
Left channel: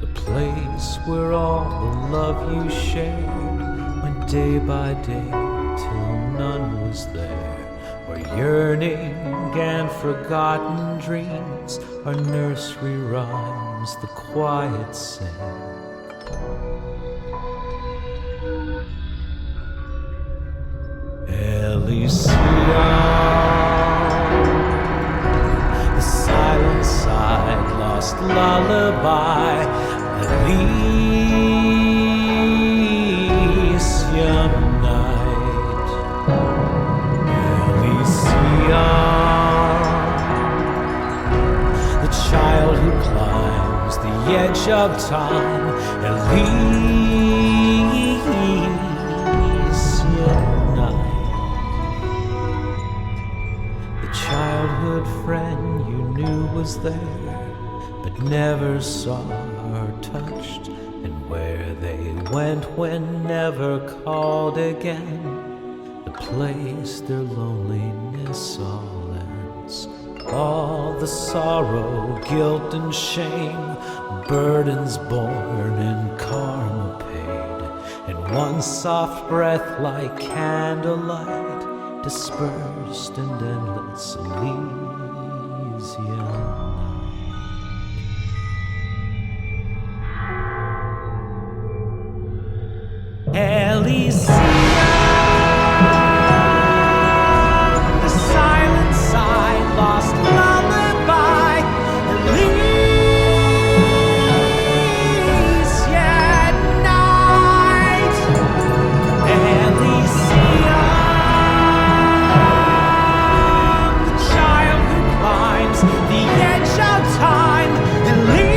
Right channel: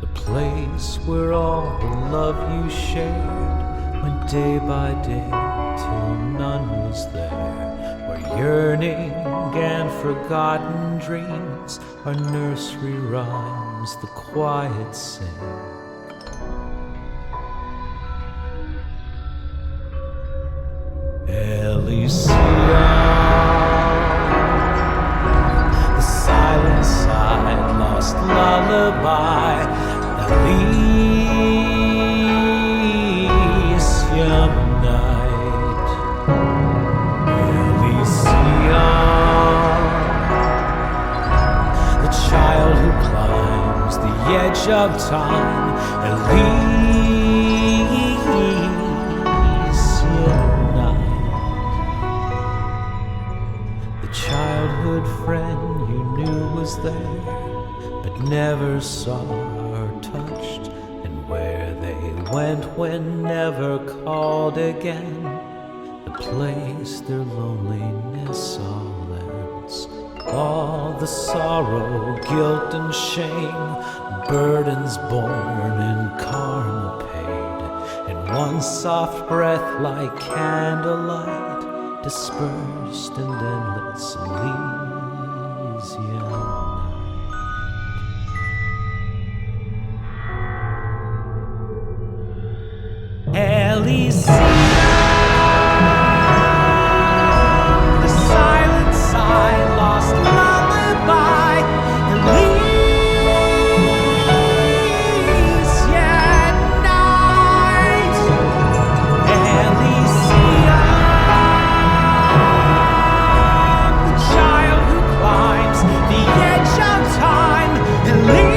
the place where all the love you shared went day by day till none was there, where yearning and forgotten dreams are nursery rhymes the quiet sing. Elysian, the silent side, lost lullaby, Elysian Night. Elysian, the child who climbs the edge of time, Elysian Night. The childhood friend you knew was there, but never saw or touched, and where they went when never called again, the place their loneliness all ends. All the sorrow, guilt and shame, burdens borne and karma paid, in one soft breath like candlelight, dispersed in endless Elysian night. Elysium, the silent sign, lost lullaby, Elysian night. Elysium, the child who climbs the edge of time, Elysian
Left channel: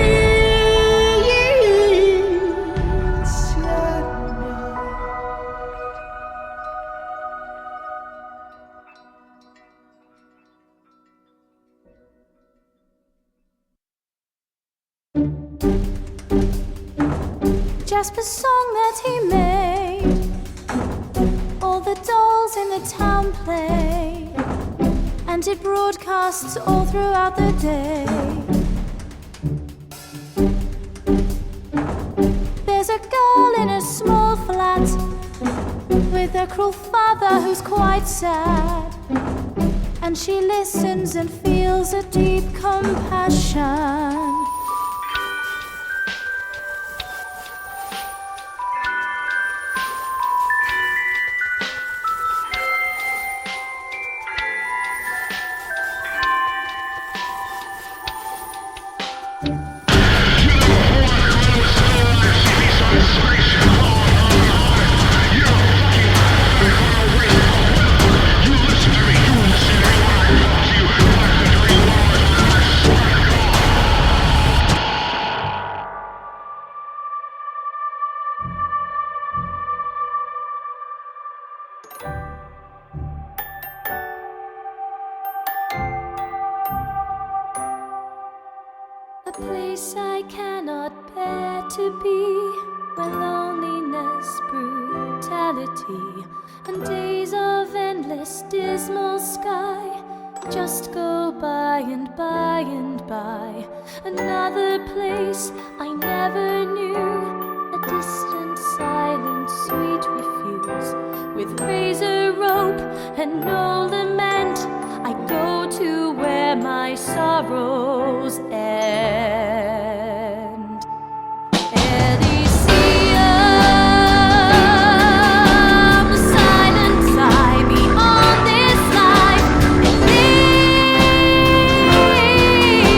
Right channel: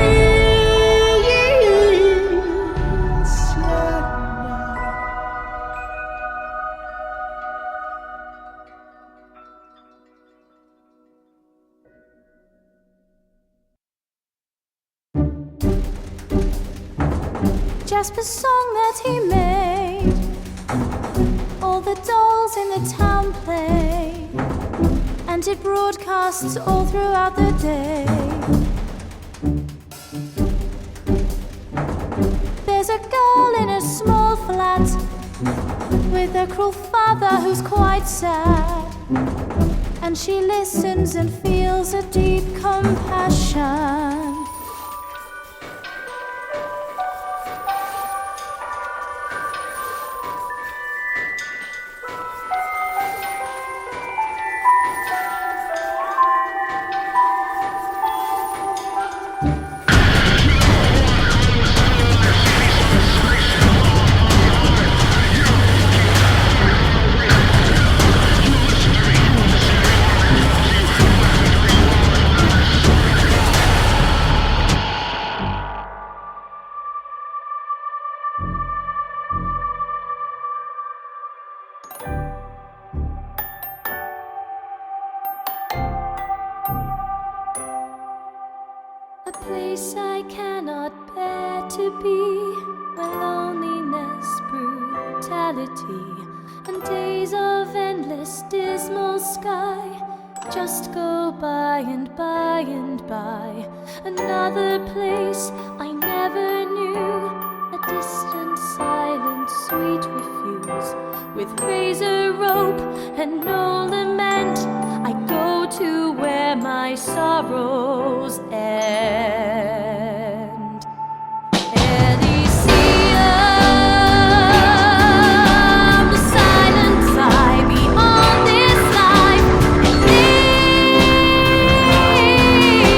night. Jasper's song that he made, all the dolls in the town play, and it broadcasts all throughout the day. There's a girl in a small flat with a cruel father who's quite sad, and she listens and feels a deep compassion. A place I cannot bear to be, where loneliness, brutality, and days of endless dismal sky just go by and by and by. Another place I never knew, a distant, silent, sweet refuse, with razor rope and no lament. I go to where my sorrows end. Elysium, the silent sigh beyond this life.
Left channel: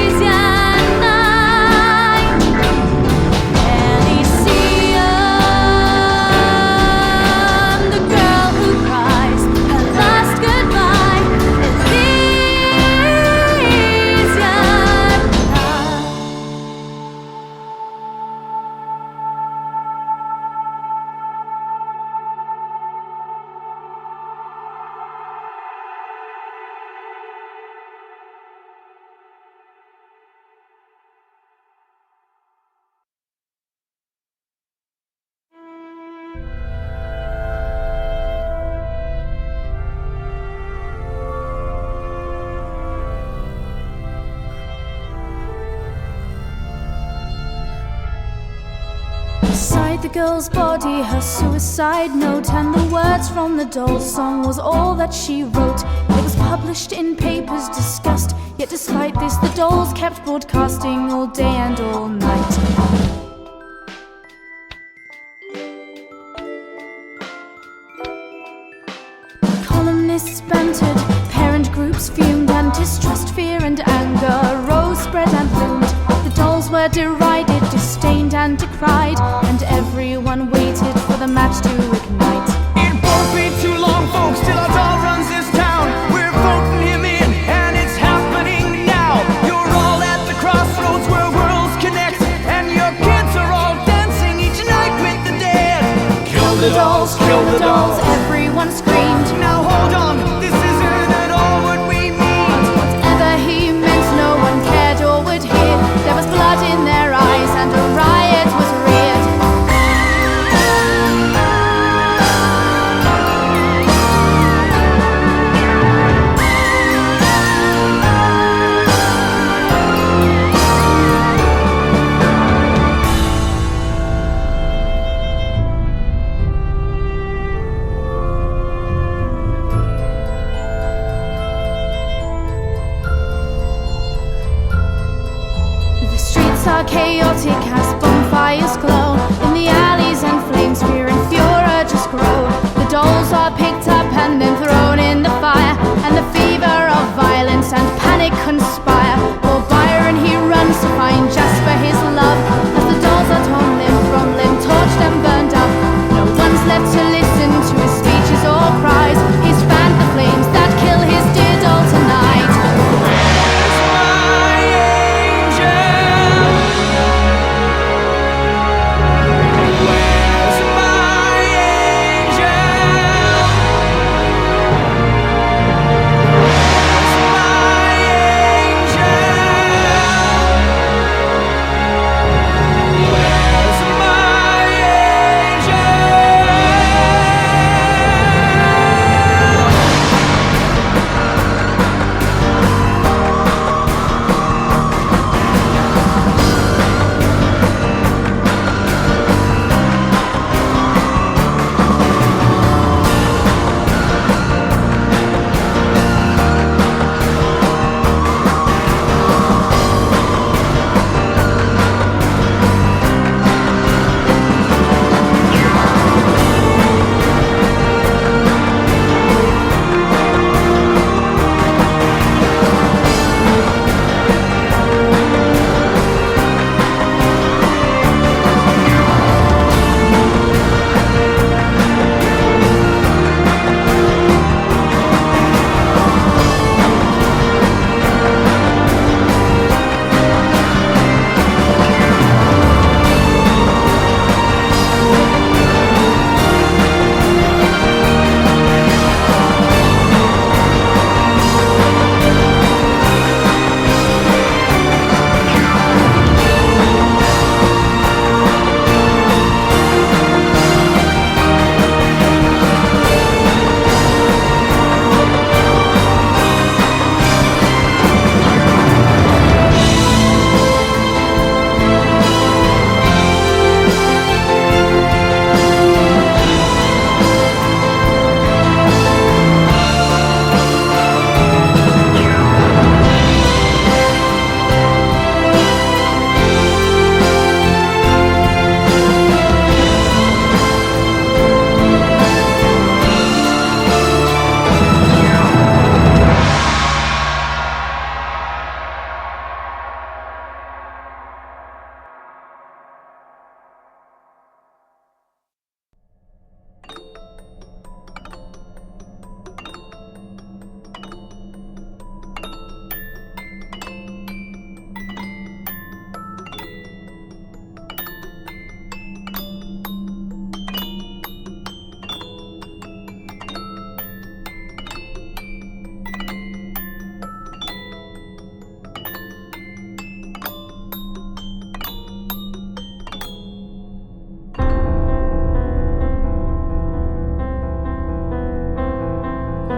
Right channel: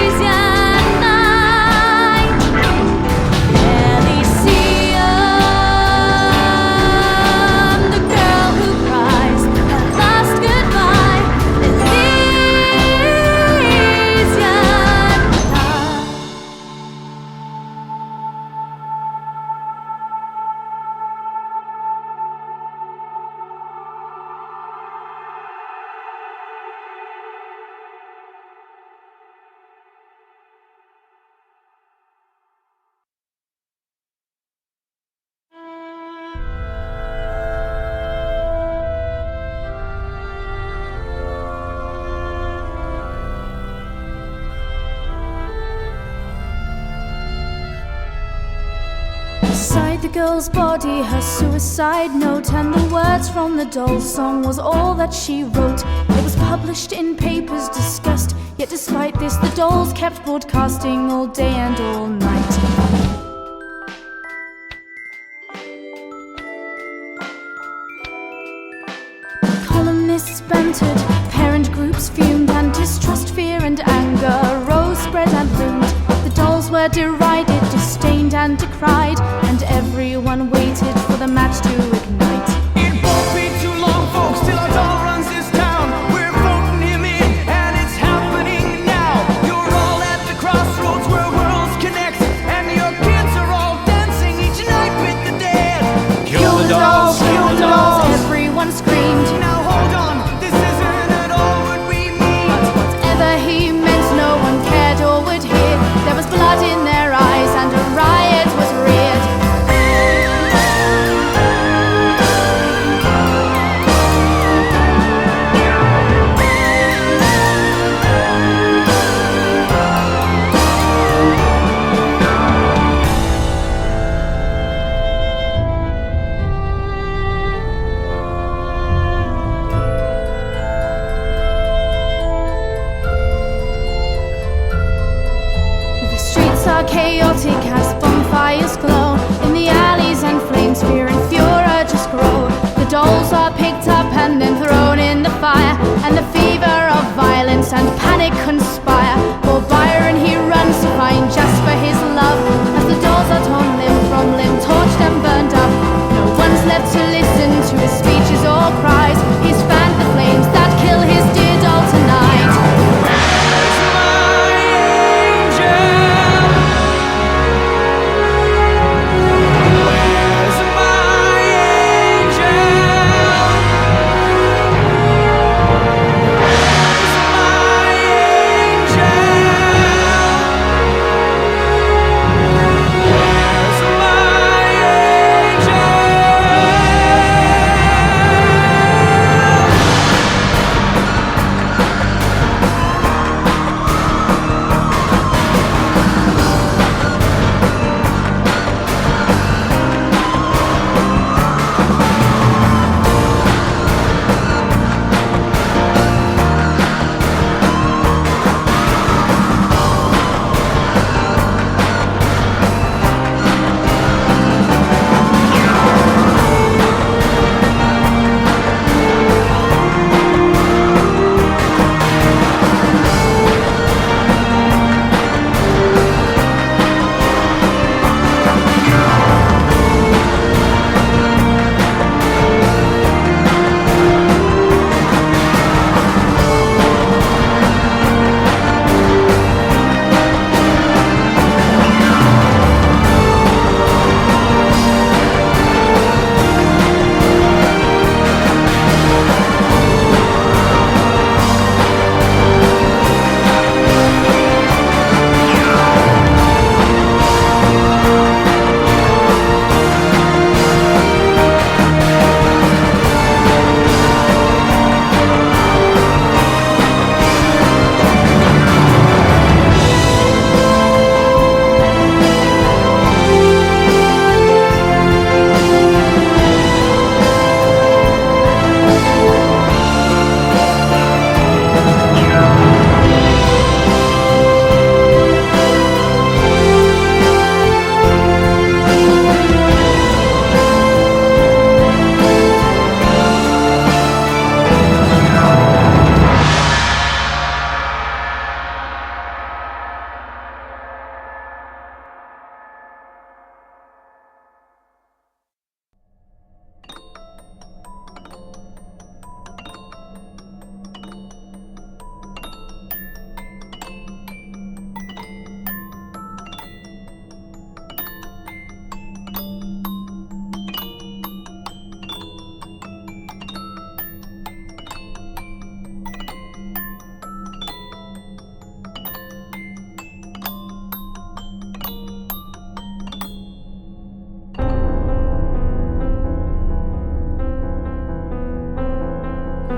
Elysian night. Elysium, the girl who cries her last goodbye. Beside the girl's body, her suicide note, and the words from the doll's song was all that she wrote. It was published in papers, discussed, yet despite this the dolls kept broadcasting all day and all night. Columnists bantered, parent groups fumed, and distrust, fear and anger rose, spread and loomed. The dolls were derided, disdained and decried, and everyone waited for the match to ignite. It won't be too long, folks, till our doll runs this town. We're voting him in, and it's happening now. You're all at the crossroads where worlds connect, and your kids are all dancing each night with the dead. Kill the dolls, kill the dolls, everyone screamed. Now hold on, this isn't at all what we mean. But whatever he meant, no one cared or would hear. There was blood in their eyes, and a riot was reared. violence and panic conspire. For Byron he runs to find Jasper his love, as the dolls are torn limb from limb, torched and burned up. No one's left to listen to his speeches or cries. He's fanned the flames that kill his dear doll tonight. Where's my angel? Where's my angel? Where's my angel? Where's my angel?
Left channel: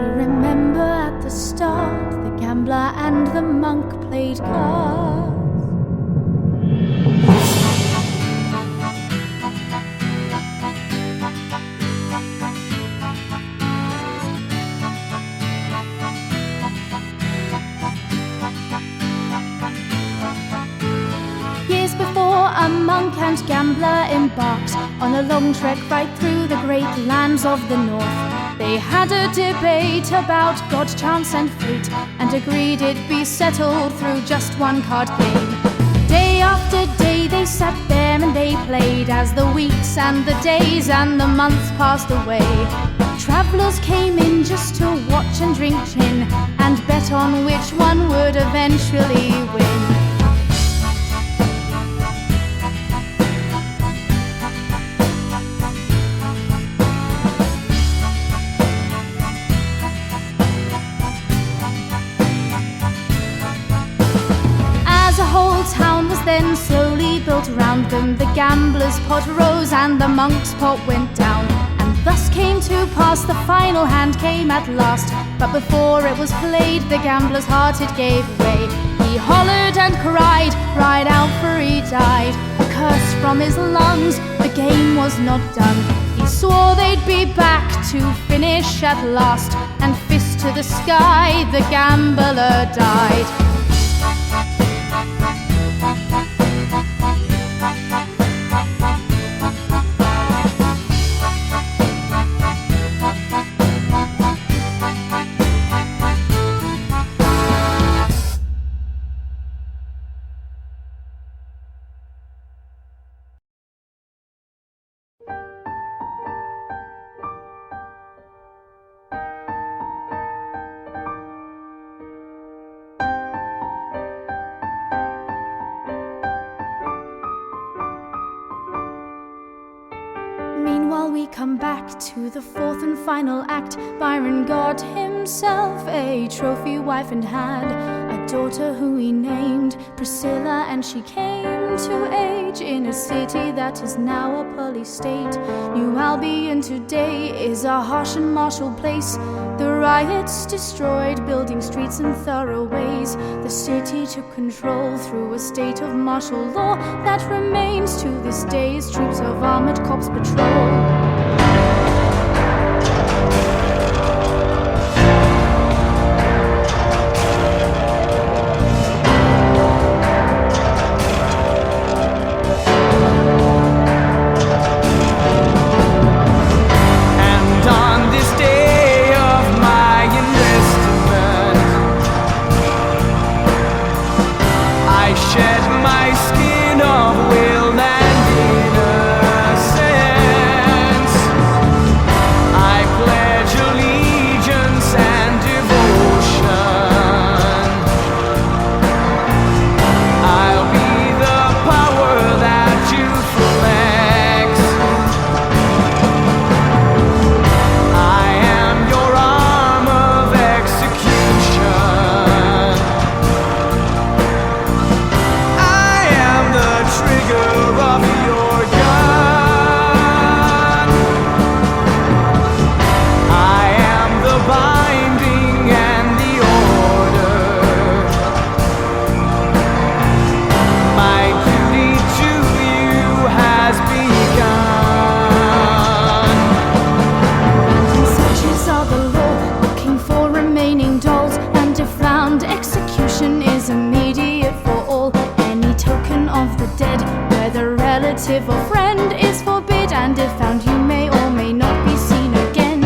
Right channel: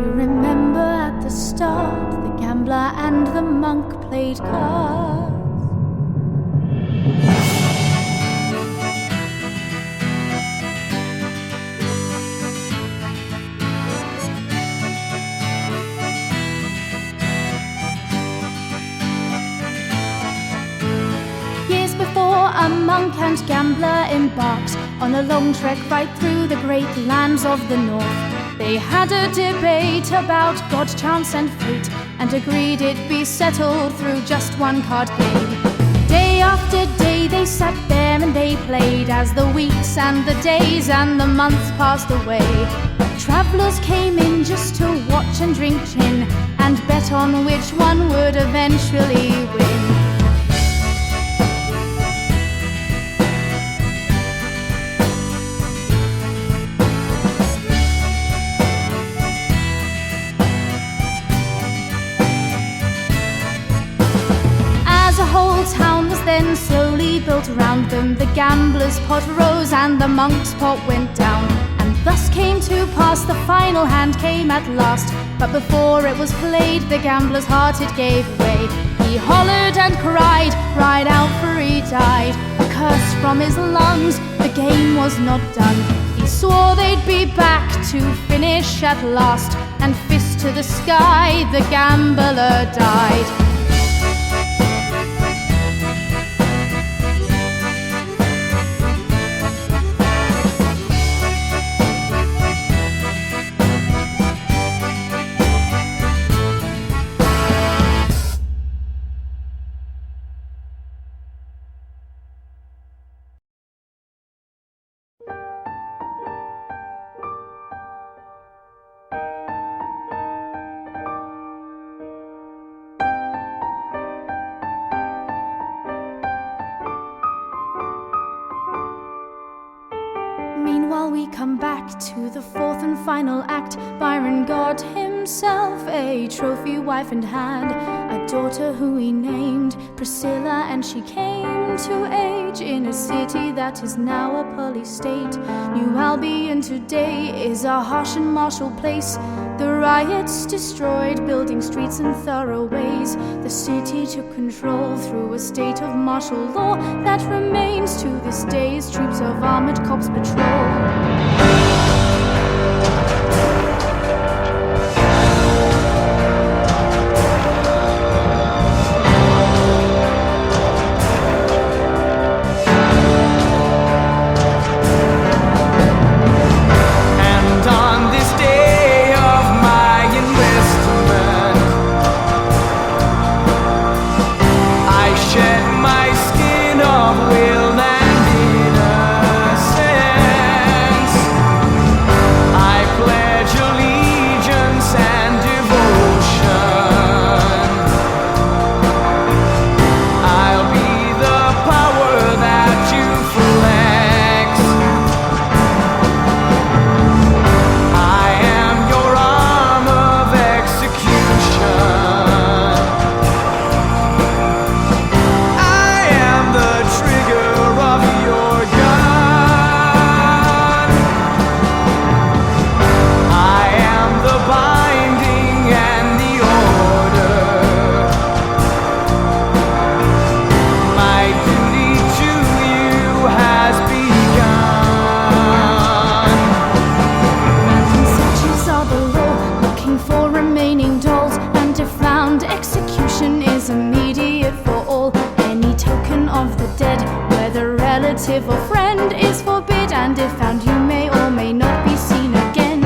You remember at the start, the gambler and the monk played cards. Years before, a monk and gambler embarked on a long trek right through the great lands of the north. They had a debate about God, chance and fate, and agreed it'd be settled through just one card game. Day after day they sat there and they played, as the weeks and the days and the months passed away. Travellers came in just to watch and drink gin, and bet on which one would eventually win. Town was then slowly built around them. The gambler's pot rose and the monk's pot went down, and thus came to pass the final hand came at last. But before it was played, the gambler's heart it gave way. He hollered and cried, right out for he died. A curse from his lungs, the game was not done. He swore they'd be back to finish at last, and fist to the sky, the gambler died. And while we come back to the fourth and final act, Byron got himself a trophy wife and had a daughter who he named Priscilla, and she came to age in a city that is now a police state. New Albion today is a harsh and martial place. The riots destroyed building, streets and thoroughways. The city took control through a state of martial law that remains to this day as troops of armored cops patrol. And on this day of my enlistment, I shed my skin of will and innocence. I pledge allegiance and devotion. I'll be the power that you flex. I am your arm of execution. I am the trigger of your gun. I am the binding and the order. My duty to you has begun. Random searches are the law, looking for remaining dolls, and if found, execution is immediate for all. Any token of the dead, whether relative or friend, is forbid, and if found, you may or may not be seen again.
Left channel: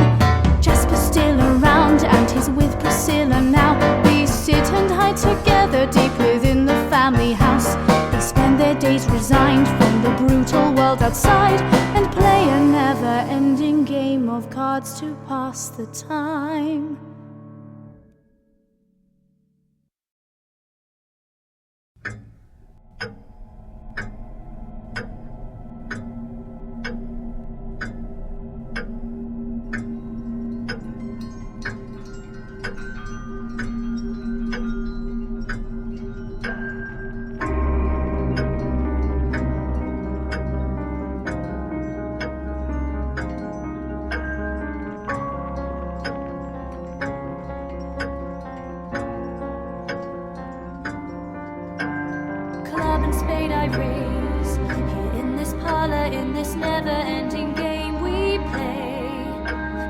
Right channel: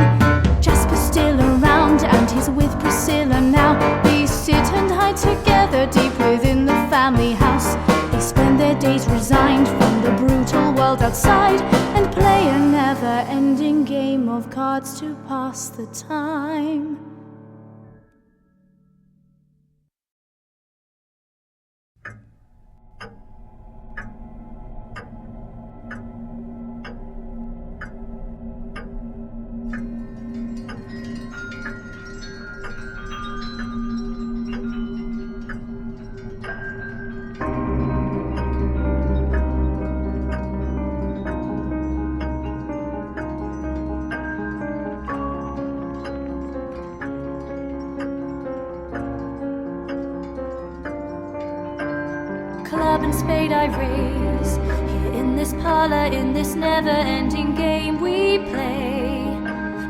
Jasper's still around, and he's with Priscilla now. They sit and hide together deep within the family house. They spend their days resigned from the brutal world outside and play a never-ending game of cards to pass the time. Club and spade I raise, here in this parlor, in this never-ending game we play.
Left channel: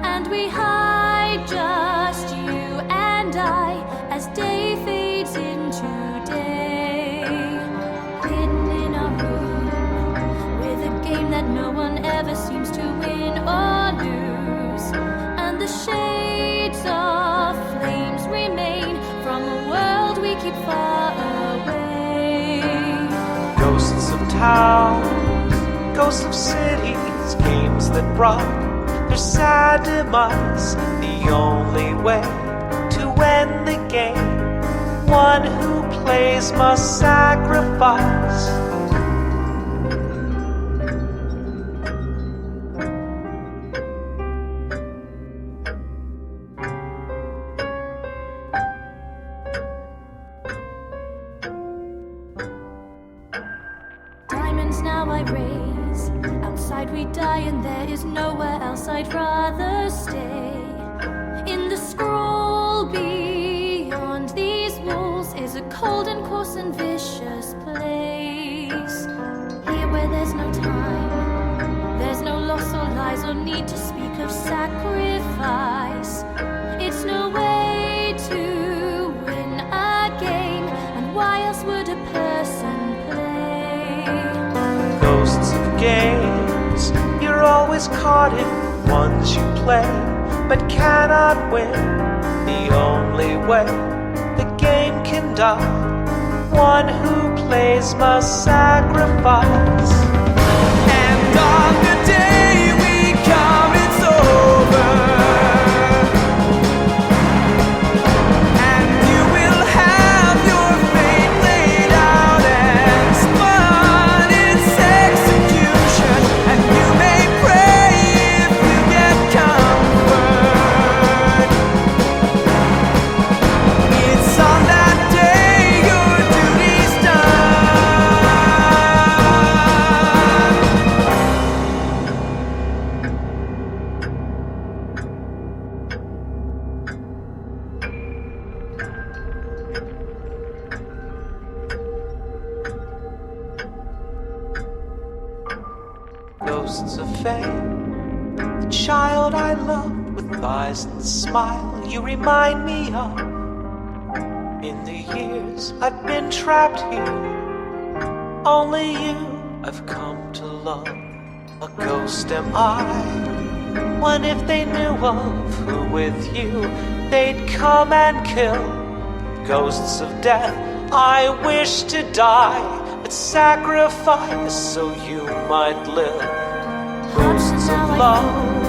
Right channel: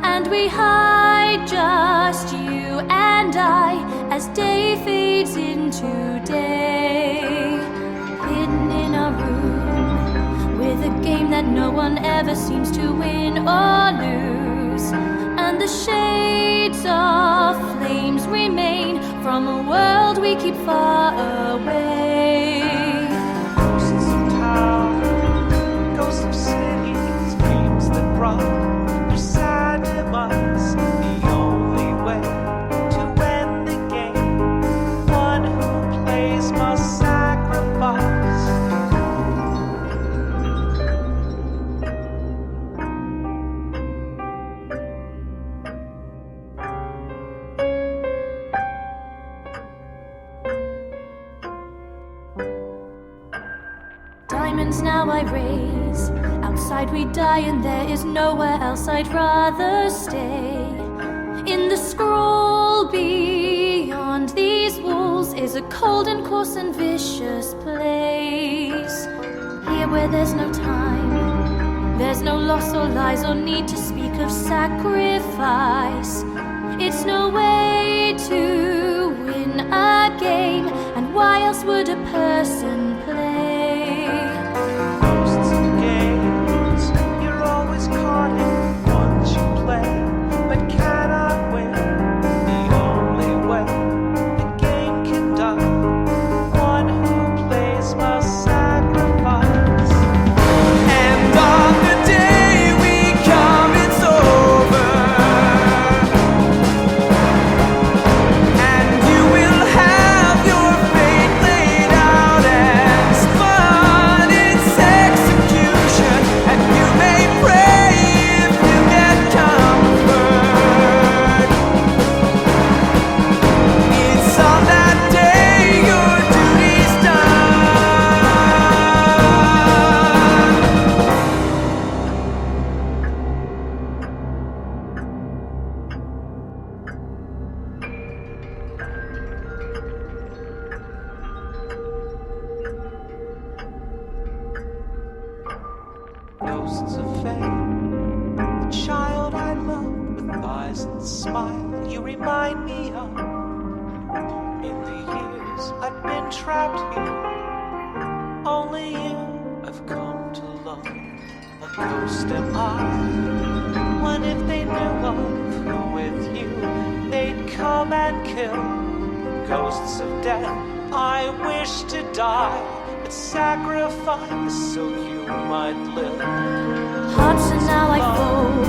And we hide, just you and I, as day fades into day. Hidden in our room, with a game that no one ever seems to win or lose. And the shades of flames remain from a world we keep far away. Ghosts of town, ghosts of cities, games that brought their sad demise. The only way to end the game, one who plays must sacrifice. Diamonds now I raise, outside we die and there is nowhere else I'd rather stay. In the scroll beyond these walls is a cold and coarse and vicious place. Here where there's no time, there's no loss or lies or need to speak of sacrifice. It's no way to win a game, and why else would a person play? Ghosts of games, you're always caught in ones you play, but cannot win. The only way the game can die, one who plays must sacrifice. And on the day we come, it's over. And you will have your fate laid out and spun its execution. And you may pray fame. The child I loved with eyes and smile you remind me of. In the years I've been trapped here, only you I've come to love. A ghost am I. What if they knew of who with you they'd come and kill? Ghosts of death, I wish to die, but sacrifice so you might live. Hearts and now I fold.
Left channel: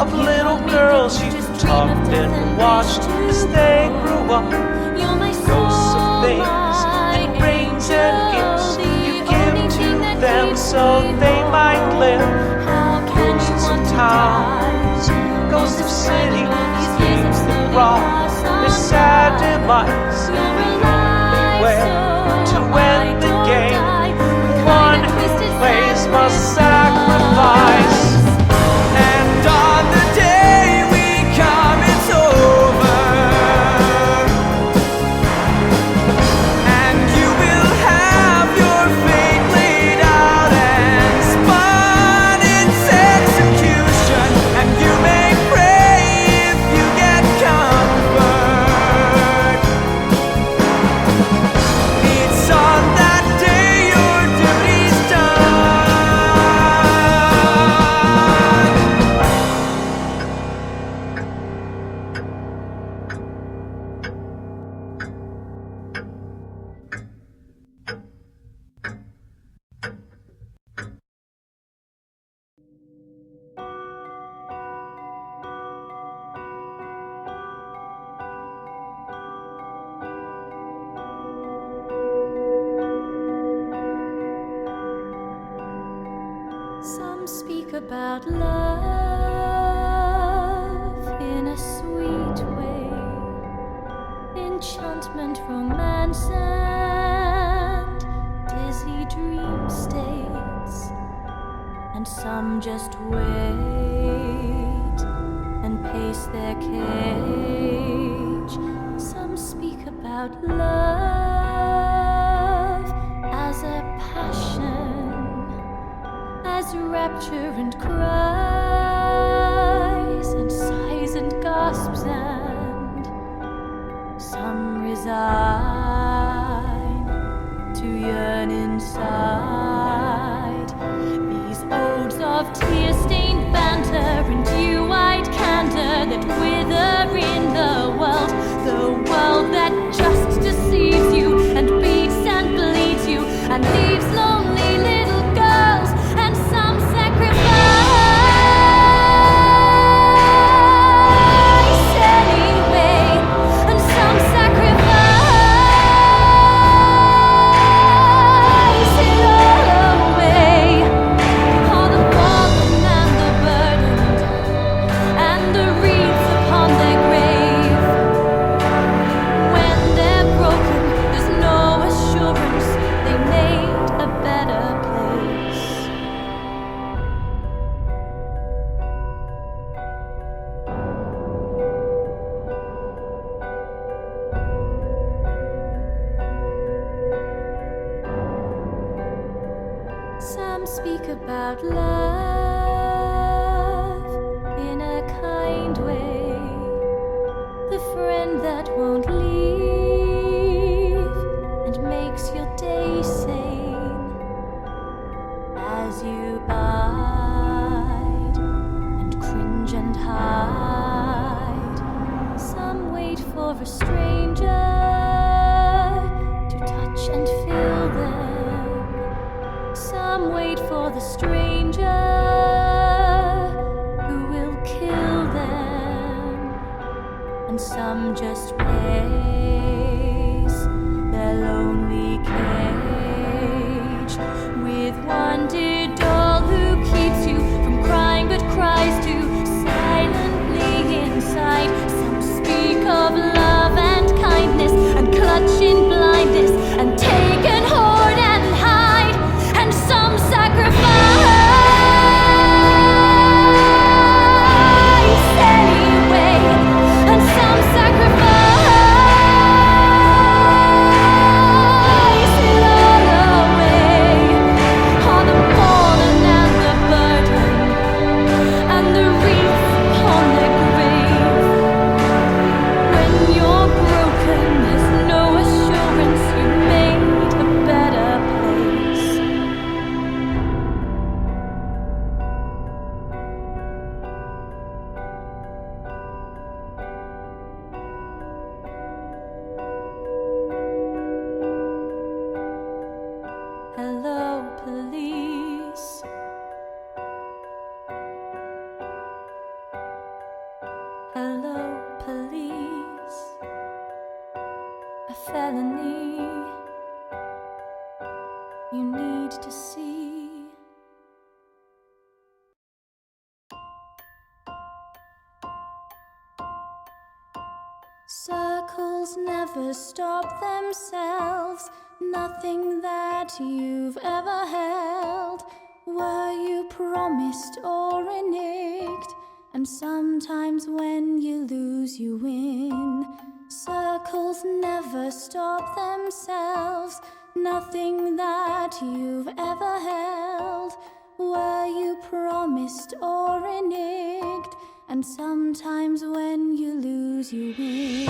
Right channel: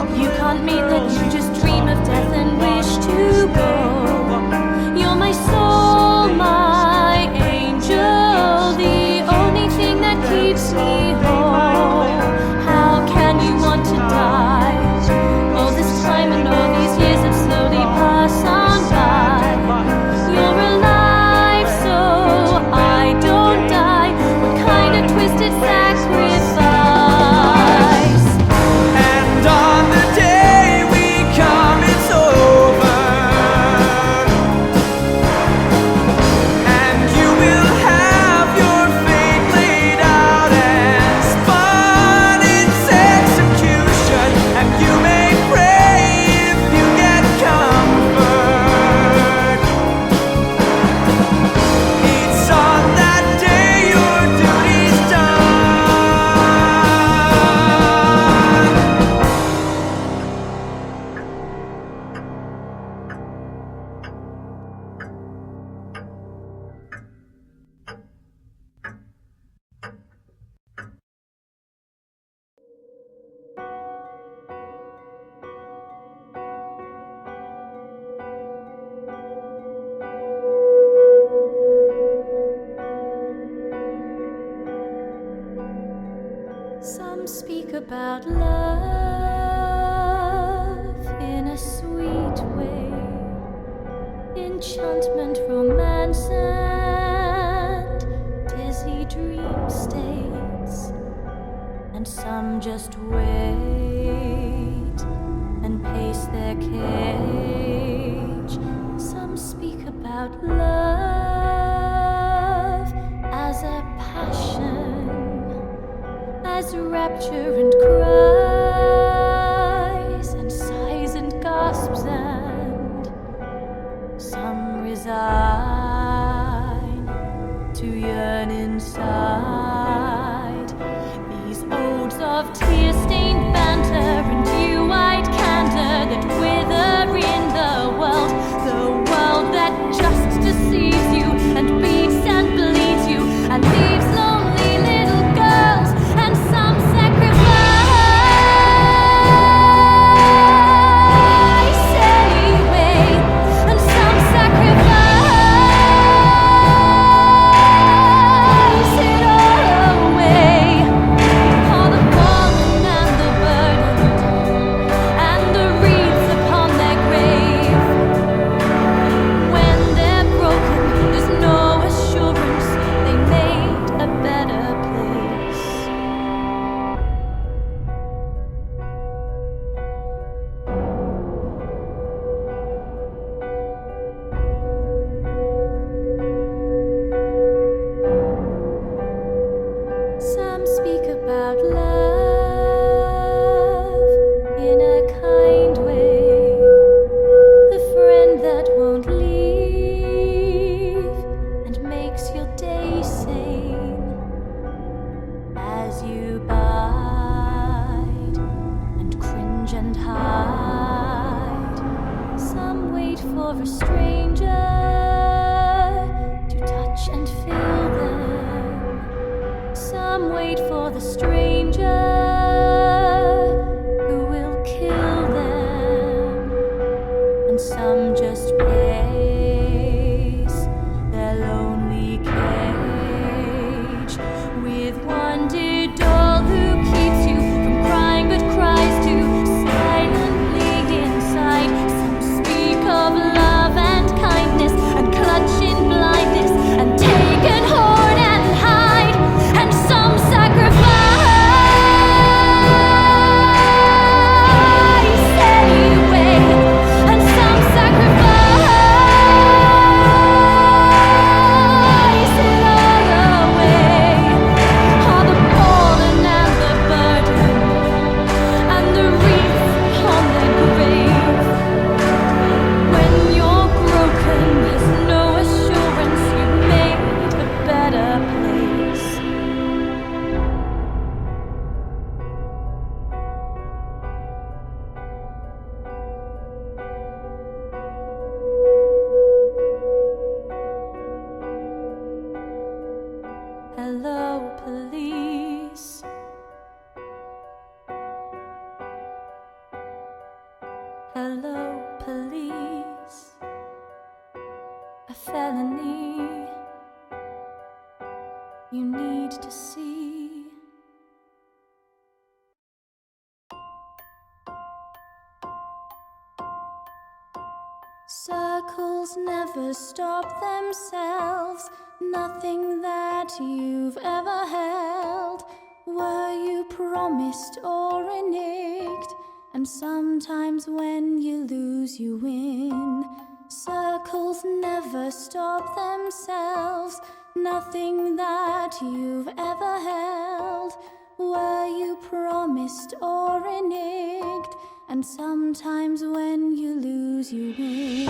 Of You little can't mean girls that you you just dream of tucked death and watched wish to as they go. grew up. You're my Ghosts of soul, things my and rings and angel, gifts the you only give thing to that them keeps so me they might whole. live. How can you Ghosts want of to die? towns, All ghosts of this time and all these cities, years have slowly wrought passed their on sad by. demise. You're alive, Way so to I end the don't game. die. What One kind of who twisted plays must sacrifice? And on the day we come, it's over. And you will have your fate laid out and spun its execution. And you may pray if you get comfort. It's on that day your duty's done. Some speak about love in a sweet way, enchantment, romance, and dizzy dream states. And some just wait and pace their cage. Some speak about love as a passion, as rapture and cries and sighs and gasps, and some resign to yearn inside these odes of tear-stained banter and dew-eyed candor that wither in the world that just deceives you and beats and bleeds you and leaves lonely little girls. And some sacrifice anyway, and some sacrifice it all away. All the fallen and the burdened, and the wreaths upon their grave. When they're broken, there's no assurance they made a better place. Some speak about love in a kind way, the friend that won't leave and makes your day sane as you bide and cringe and hide. Some wait for a stranger to touch and fill them. Some wait for the stranger who will kill them. And some just pace their lonely cage with one dear doll who keeps you from crying but cries too silently inside. Some speak of love and kindness and clutch in blindness and take and hoard and hide. And some sacrifice Hello, police. A felony you need to see. Circles never stop themselves. Nothing that you've ever held. Were you promised or reneged? And sometimes when you lose, you win. Circles never stop themselves. Nothing that you've ever held. Were you promised or reneged? And sometimes when you lose, you win.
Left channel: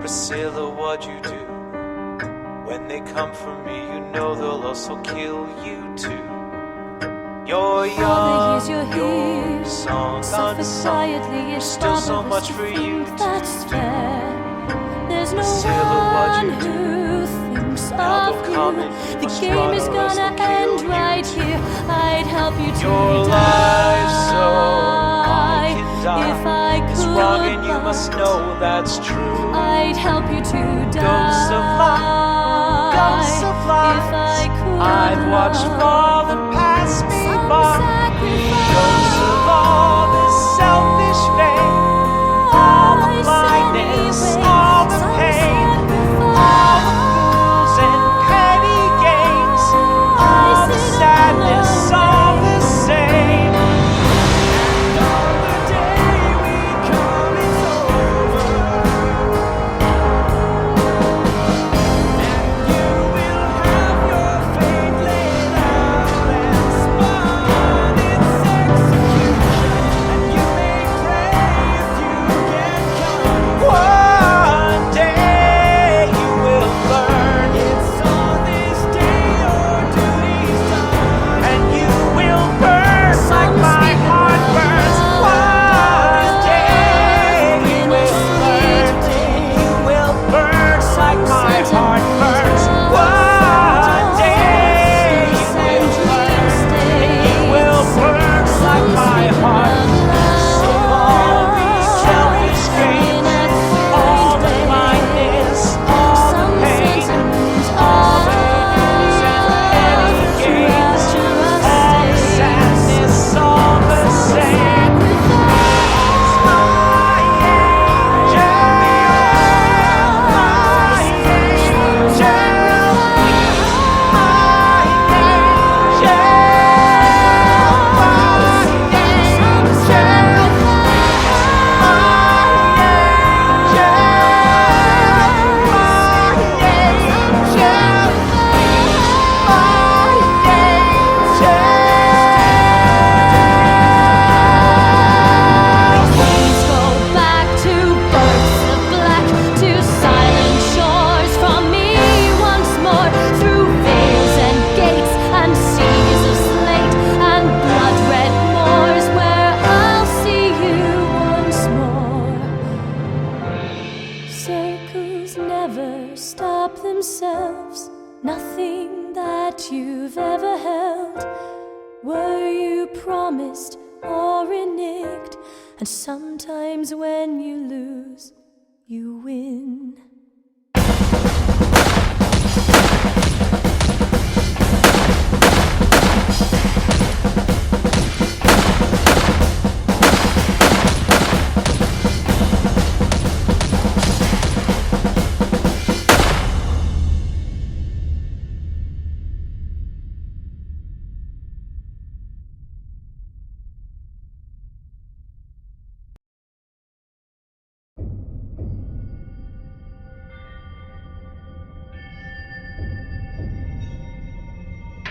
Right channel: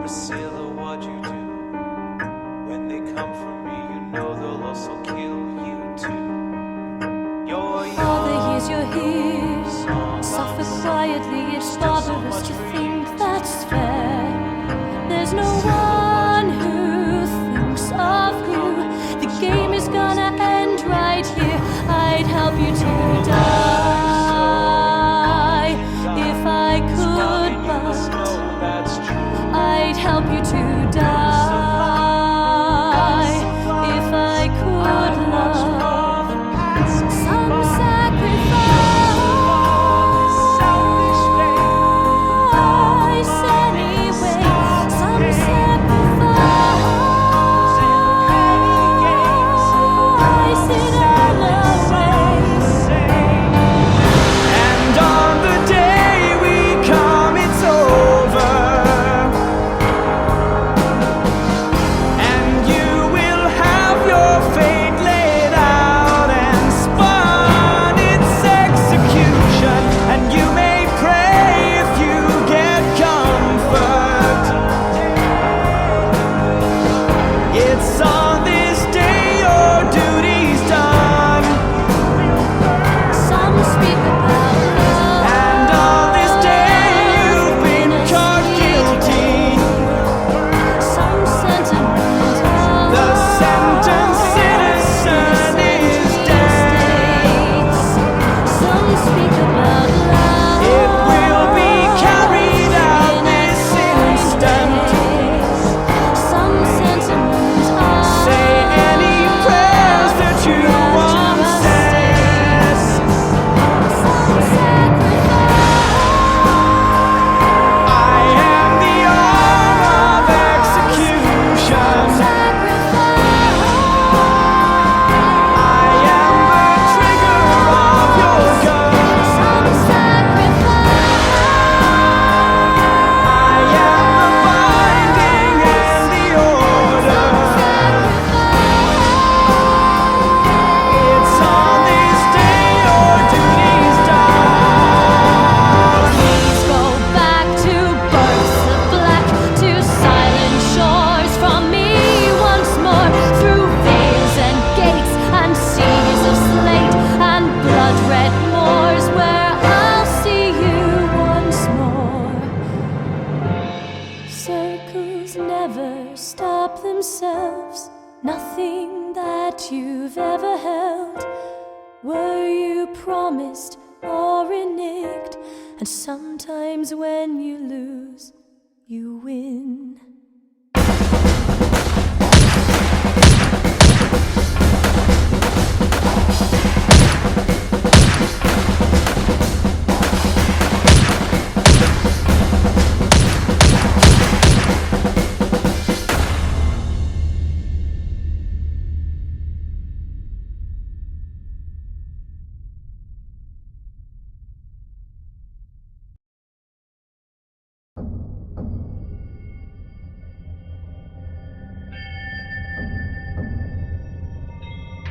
Priscilla, what'd you do? When they come for me, you know they'll also kill you too. You're young, Father, here's your here. Suffer quietly, it's still so barbarous much to for think you to that's fair. There's no Priscilla, what'd one you who thinks Now of they're you. coming, The must game is run or else gonna they'll kill end you. right here. I'd help you to Your die life so I can die. if I It's wrong could, and you must know that's true. I'd help you to Ghosts of life, ghosts die of life. if I could. I'd watch love. fallen pass me Some by. sacrifice. Ghosts of all this selfish fame, all the blindness, all the pain, all the fools and petty games, all the sadness, all the same. And on the day we come, it's over. And you will have your fate laid out and spun its execution. And you may pray if you get comfort. One day you will learn, It's on this day your duty's done. and you will burn Some like my speak heart about burns. And on this day we in a were caught guilty. You will burn like my heart burns. The sentence is death. You will burn Some like my speak heart. about love. It will be carried out in this Blindness, all Some the pain. sentiment of Say any prayers that you trust, want. trust, Sadness, all the same. I am the hour of execution. Please go back to births of black, to silent shores from me once more, through veils and gates and seas of slate and blood-red moors, where I'll see you once more. Circles never stop themselves. Nothing that you've ever held. Were you promised or reneged? And sometimes when you lose, you win.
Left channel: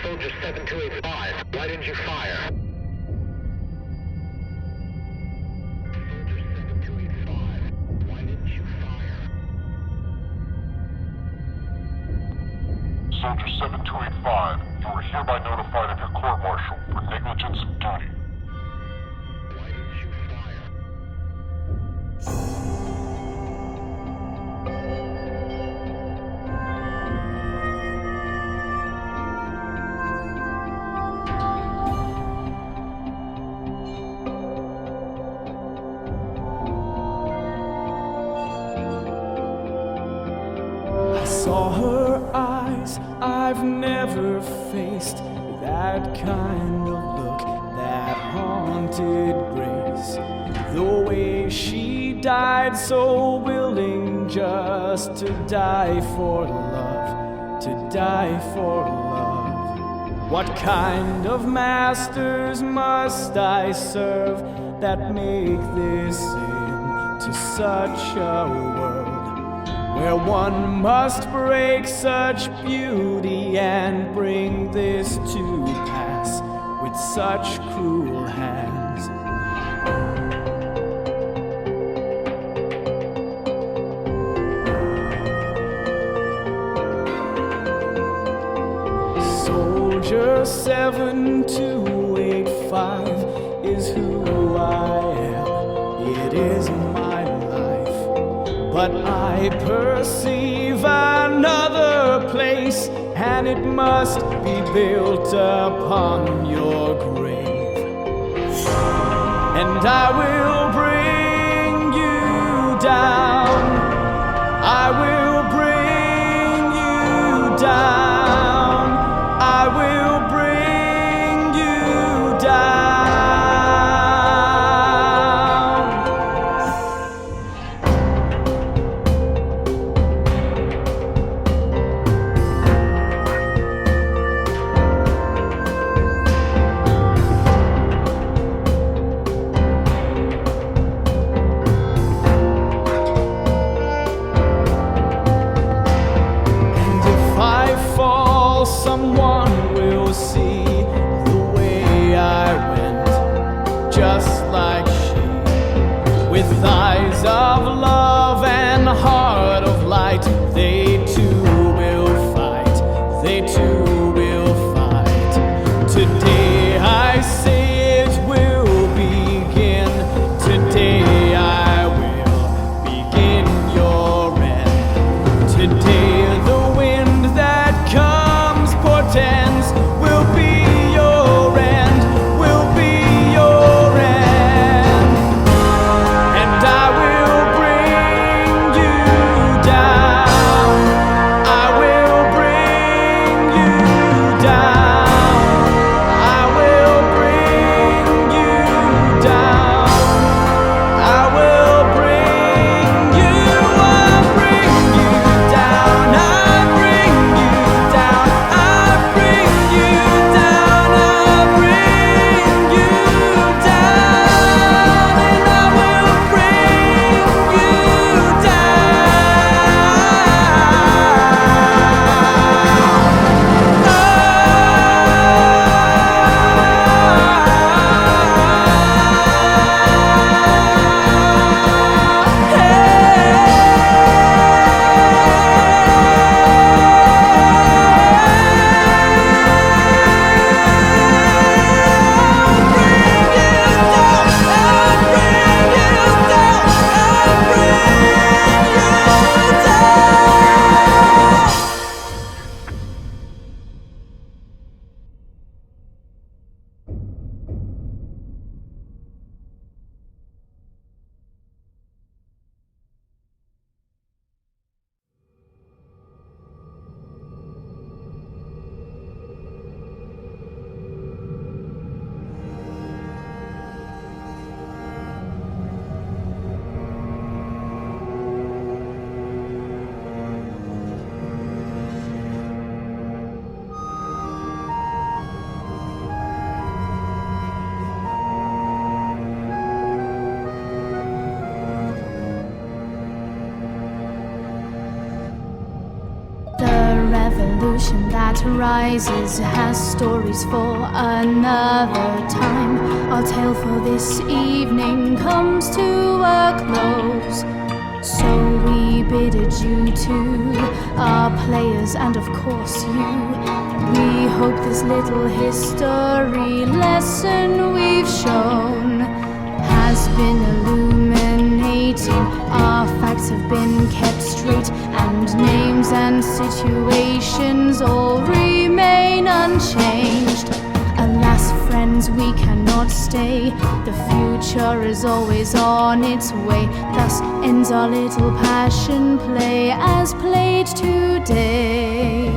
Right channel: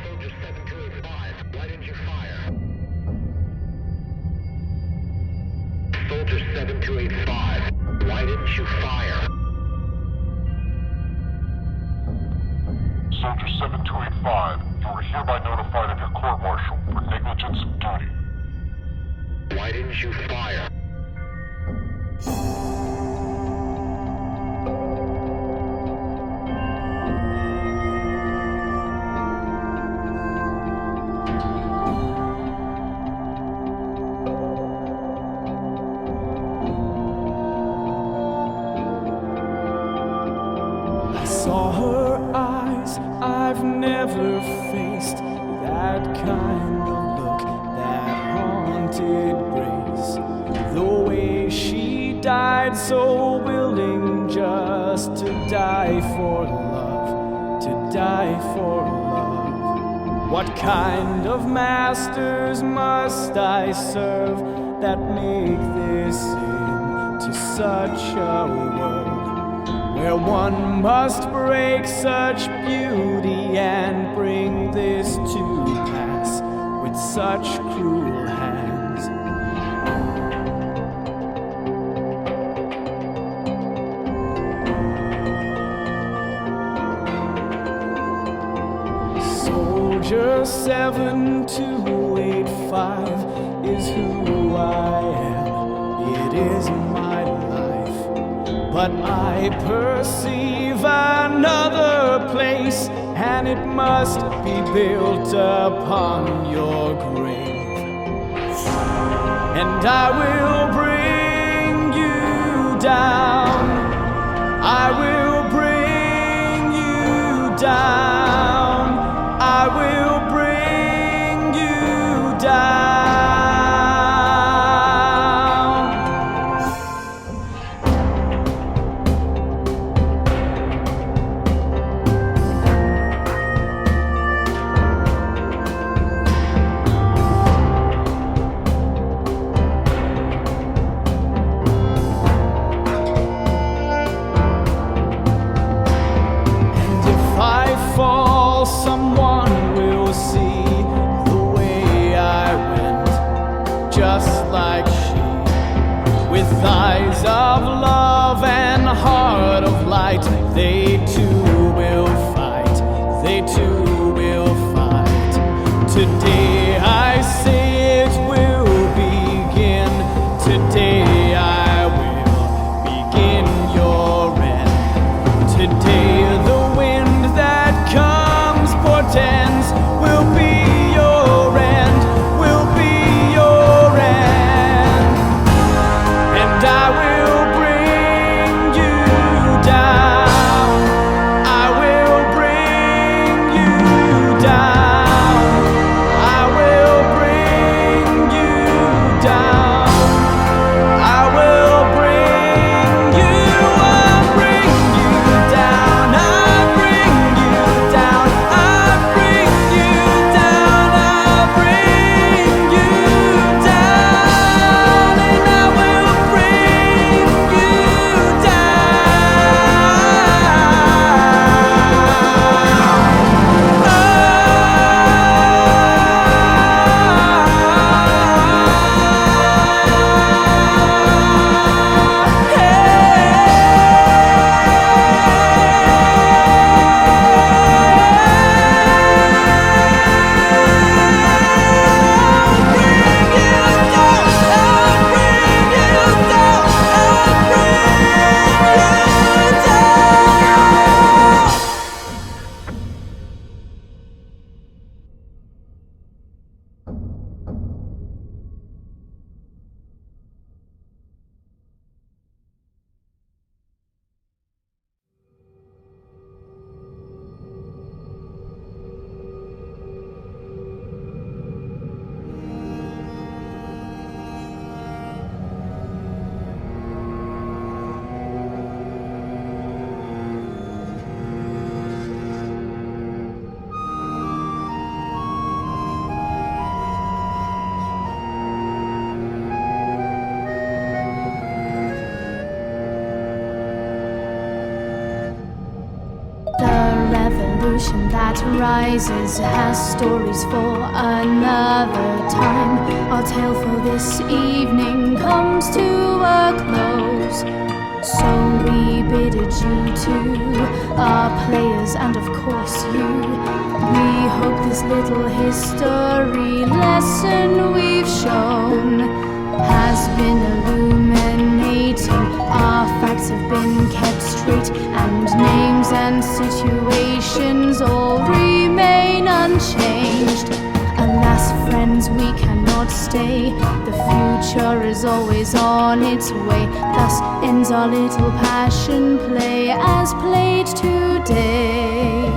Soldier 7285, why didn't you fire? Soldier 7285, why didn't you fire? Soldier 7285, you are hereby notified of your court-martial for negligence of duty. Why didn't you fire? saw her eyes, I've never faced that kind of look, that haunted grace. The way she died, so willing just to die for love, to die for love. What kind of masters must I serve that make this into such a world, where one must break such beauty and bring this to pass with such cruel hands? Soldier 7285 is who I am. It is my life, but I perceive another place, and it must be built upon your grave. And I will bring you down, I will bring you down, I will bring you down. Someone will see the way I went, just like she, with eyes of love and heart of light. They too will fight, they too will fight. Today I say it will begin, today I will begin your end. Today the wind that comes portends will be your end, will be your end. And I will bring you down, I will bring you down, I will bring you down, I will bring you, I'll bring you down, I'll bring you down, I'll bring you down, I'll bring you down, and I will bring you revolution that rises has stories for another time. Our tale for this evening comes to a close, so we bid adieu to our players and of course you. We hope this little history lesson we've shown has been illuminating. Our facts have been kept straight, and names and situations all remain unchanged. Alas, friend, means we cannot stay. The future is always on its way. Thus ends our little passion play as played today.